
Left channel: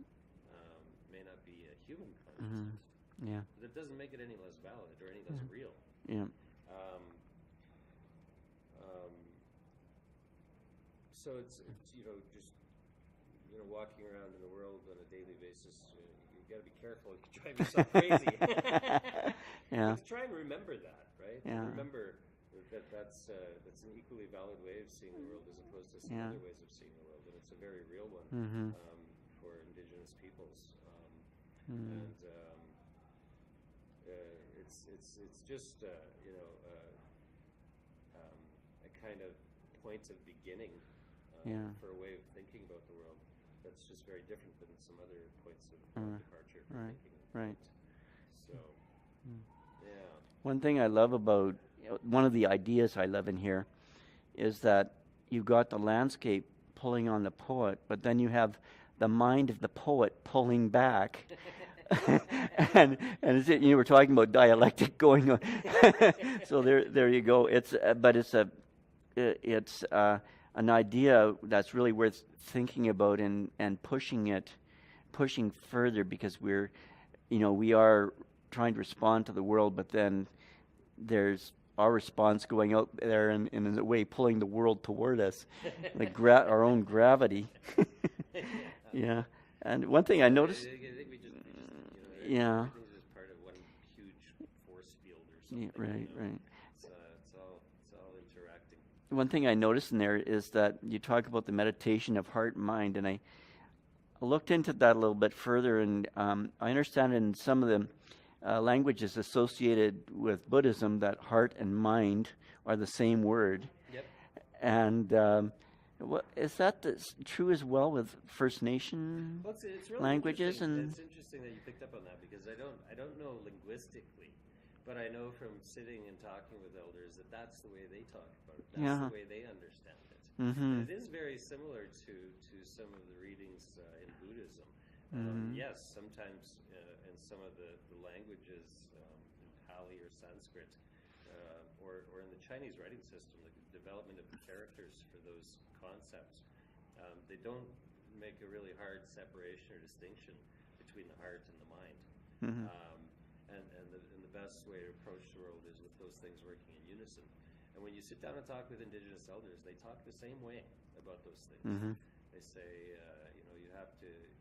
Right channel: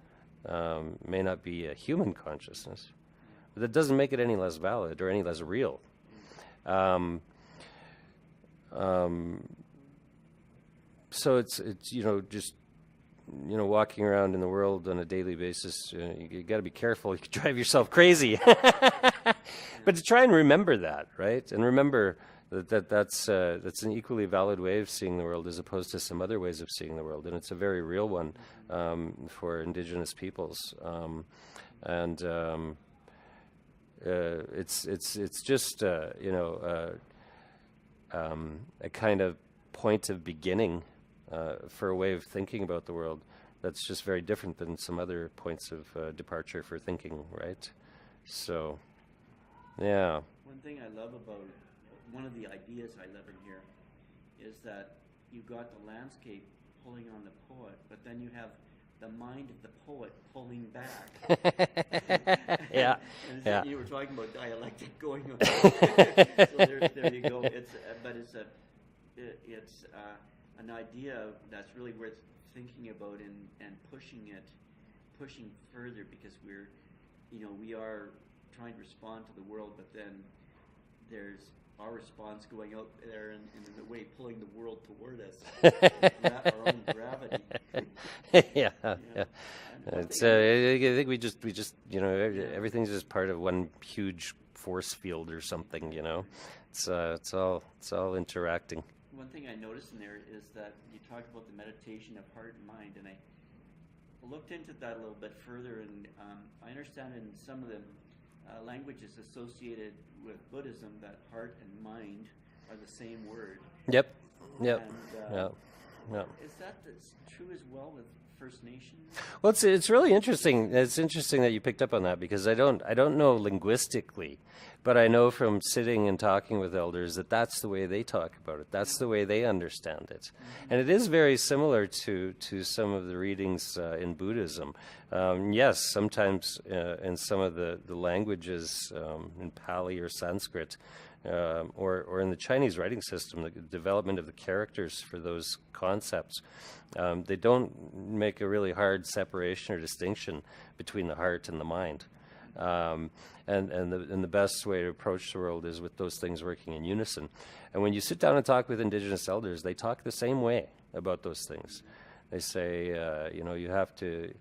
may not be a human consciousness. Yeah. But that doesn't make it any less valid or any less real. Yeah. So it's just walking around in the world on a daily basis. You got to be careful. You can drive yourself crazy. Yeah. But to try and remember that, right? Yeah. And remember that's an equally valid way of seeing the world as opposed to some other ways of seeing the world, and it's a very real one for Indigenous peoples. And it's just a kind of point of beginning for a way of thinking about the world that's just very different than some other points of departure for thinking, right? So, yeah. One thing I love about, one of the ideas I love in here is that you've got the landscape pulling on the poet, but then you have the mind of the poet pulling back. And you were talking about dialectic going on. So there you go. It's an idea that's really worth thinking about and pushing further, because we are trying to respond to the world, but then there's our response going out there and in a way pulling the world toward us, our own gravity. Yeah. And one thing I noticed, I think we just everything's just part of one huge force field or something. Right. It's all interacting. One thing I noticed in there is that you talk about the meditation of heart and mind, and I looked into that a little bit further, and I understand in some of the languages associated with Buddhism that heart and mind are the same word. Yep. And is that true as well with First Nation? Well, it's really languages interesting. It's interesting that you picked up on that, because I don't know linguistically, but I know from sitting and talking with elders that that's the way they talk about it. That's the way they understand it. And it is very similar to some of the readings in Buddhism. Yes, sometimes in some of the languages, in Pali or Sanskrit, or in the Chinese writing system, the development of the characters for those concepts, they don't make a really hard separation or distinction between the heart and the mind. And the best way to approach the world is with those things working in unison. And when you sit down and talk with Indigenous elders, they talk the same way about those things. They say, you have to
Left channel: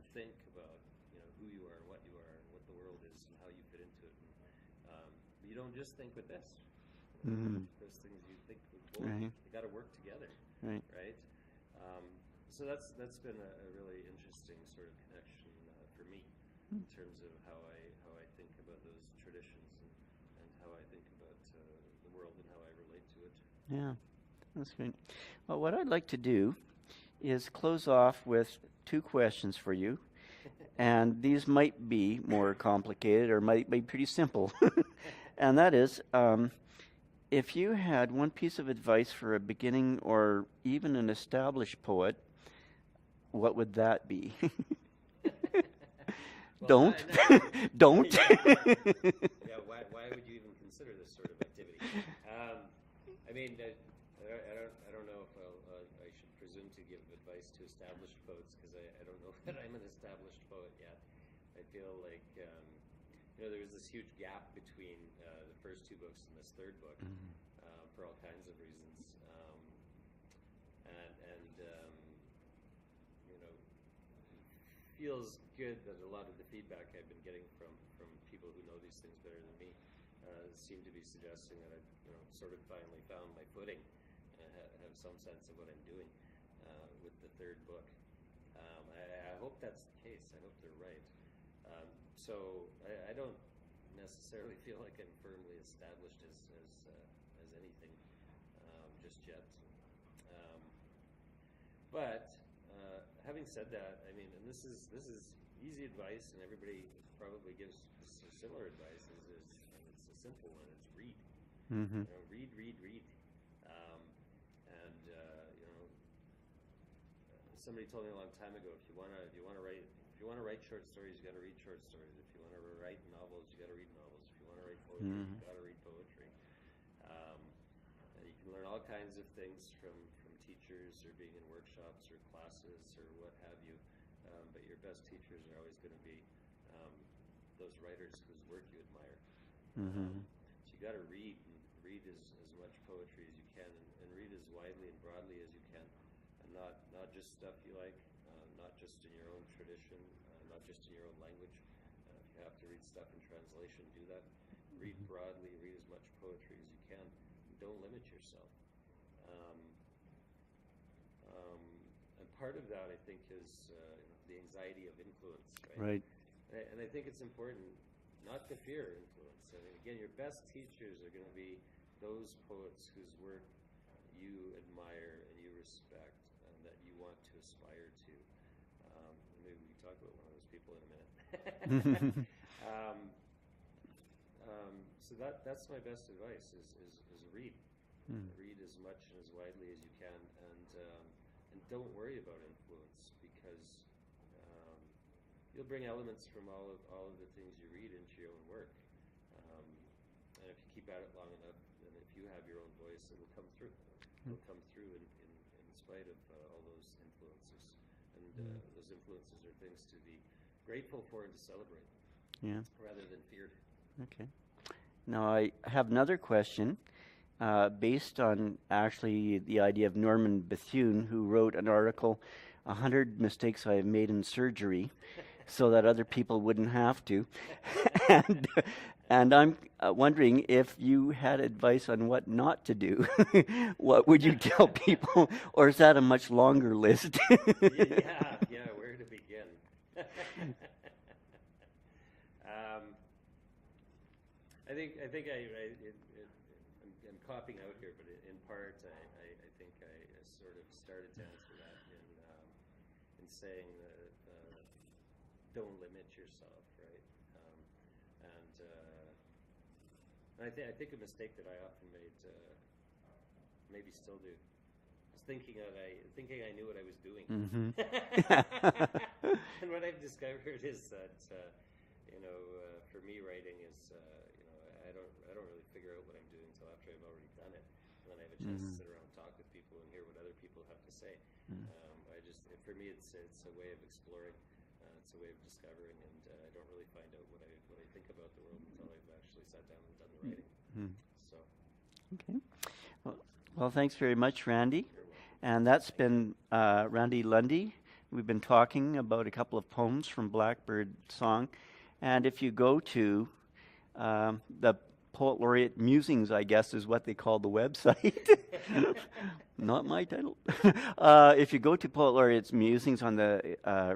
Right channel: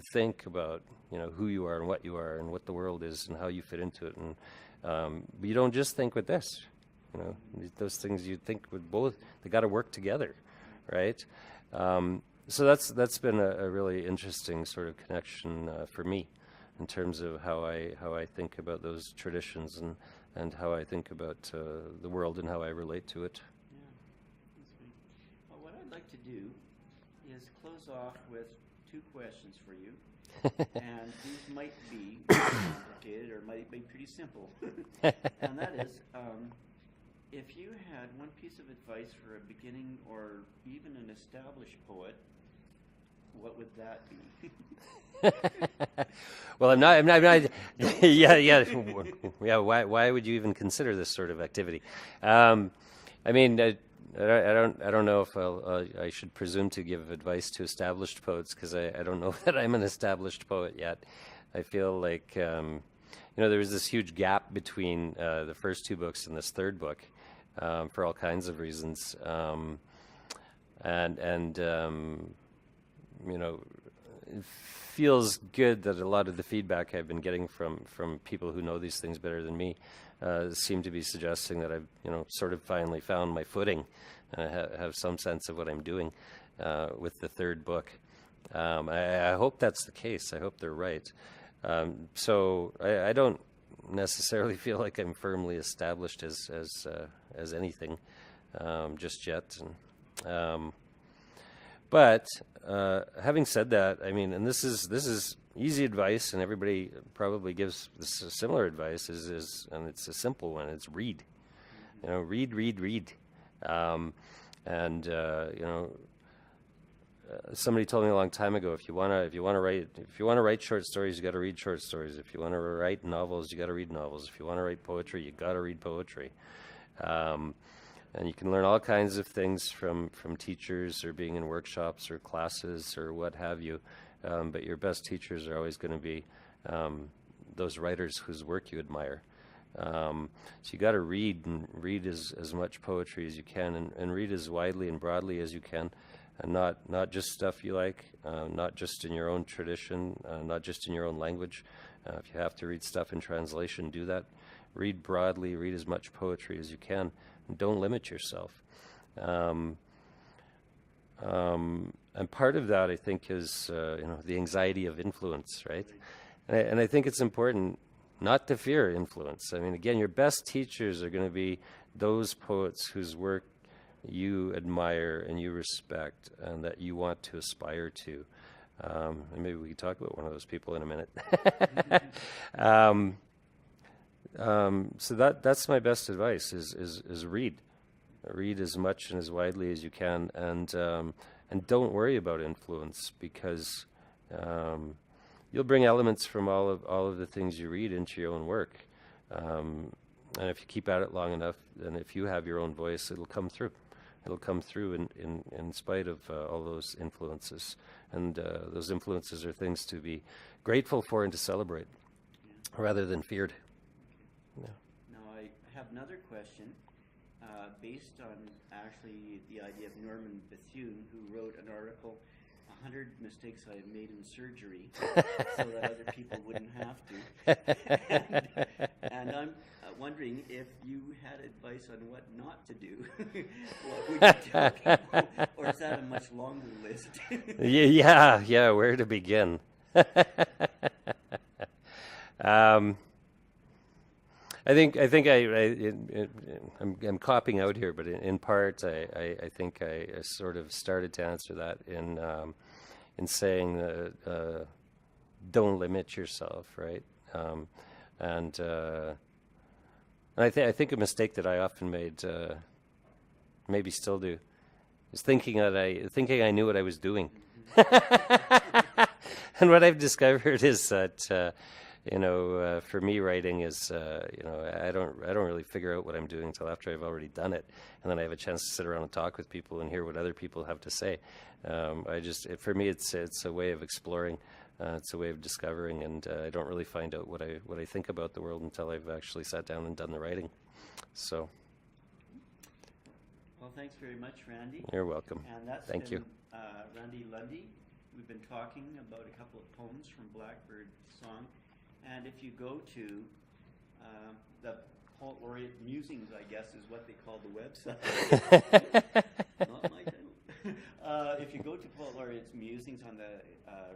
think about, who you are and what you are and what the world is and how you fit into it. And but you don't just think with this. Those things you think with both. They got to work together, right? So that's been a really interesting sort of connection for me, in terms of how I think about those traditions and how I think about the world and how I relate to it. Yeah, that's great. Well, what I'd like to do is close off with 2 questions for you. And these might be more complicated or might be pretty simple. And that is, if you had one piece of advice for a beginning or even an established poet, what would that be? Well, I'm not Don't. Yeah. Why would you even consider this sort of activity? I mean, I don't know if I should presume to give advice to established poets, because I don't know that I'm an established poet yet. I feel like there was this huge gap between the first 2 books and this 3rd book, for all kinds of reasons, it feels good that a lot of the feedback I've been getting from people who know these things better than me seem to be suggesting that I've sort of finally found my footing and I have some sense of what I'm doing with the 3rd book. I hope that's the case. I hope they're right. So I don't necessarily feel like I'm firmly established as anything just yet. But having said that, I mean, and this is easy advice, and everybody probably gives this similar advice. And it's a simple one. It's read. Read. Somebody told me a long time ago, if you want to write short stories, you got to read short stories. If you want to write novels, you got to read novels. If you want to write poetry, you got to read poetry. And you can learn all kinds of things from teachers or being in workshops or classes or what have you. But your best teachers are always going to be those writers whose work you admire. So you got to read, and read as much poetry as you can, and read as widely and broadly as you can, and not just stuff you like, not just in your own tradition, not just in your own language. If you have to read stuff in translation, do that. Read broadly, read as much poetry as you can, and don't limit yourself. And part of that, I think, is the anxiety of influence, right? Right. And I think it's important not to fear influence. I mean, again, your best teachers are going to be those poets whose work you admire and you respect and that you want to aspire to. And maybe we can talk about one of those people in a minute. So that's my best advice: is read, read as much and as widely as you can, and don't worry about influence, because you'll bring elements from all of the things you read into your own work, and if you keep at it long enough, then if you have your own voice, it'll come through. It'll come through in spite of all those influences, and those influences are things to be grateful for and to celebrate, rather than feared. Okay. Yeah. Now I have another question, based on actually the idea of Norman Bethune, who wrote an article, 100 mistakes I have made in surgery, so that other people wouldn't have to. and I'm wondering if you had advice on what not to do. What would you tell people? Or is that a much longer list? Yeah, where to begin? I think I'm copping out here, but in part, I think I sort of started to answer that in saying don't limit yourself, right? And I think a mistake that I often made, maybe still do, is thinking I knew what I was doing. And what I've discovered is that for me, writing is I don't really figure out what I'm doing until after I've already done it, and then I have a chance to sit around and talk with people and hear what other people have to say. For me, it's a way of exploring. It's a way of discovering, and I don't really find out what I think about the world until I've actually sat down and done the writing. So. Okay. Well, thanks very much, Randy. You're welcome. And that's Thank been Randy Lundy. We've been talking about a couple of poems from Blackbird Song. And if you go to the Poet Laureate Musings, I guess is what they call the website. Not my title. If you go to Poet Laureate's Musings on the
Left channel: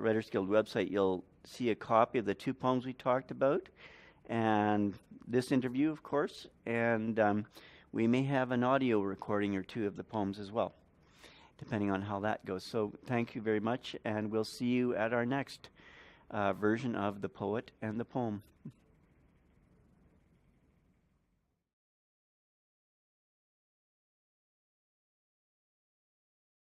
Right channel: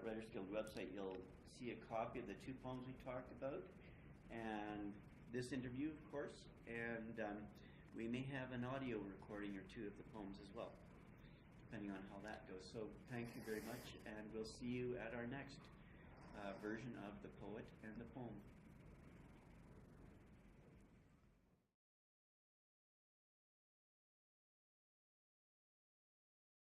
Writers Guild website, you'll see a copy of the two poems we talked about, and this interview, of course, and we may have an audio recording or two of the poems as well, depending on how that goes. So thank you very much, and we'll see you at our next version of The Poet and the Poem.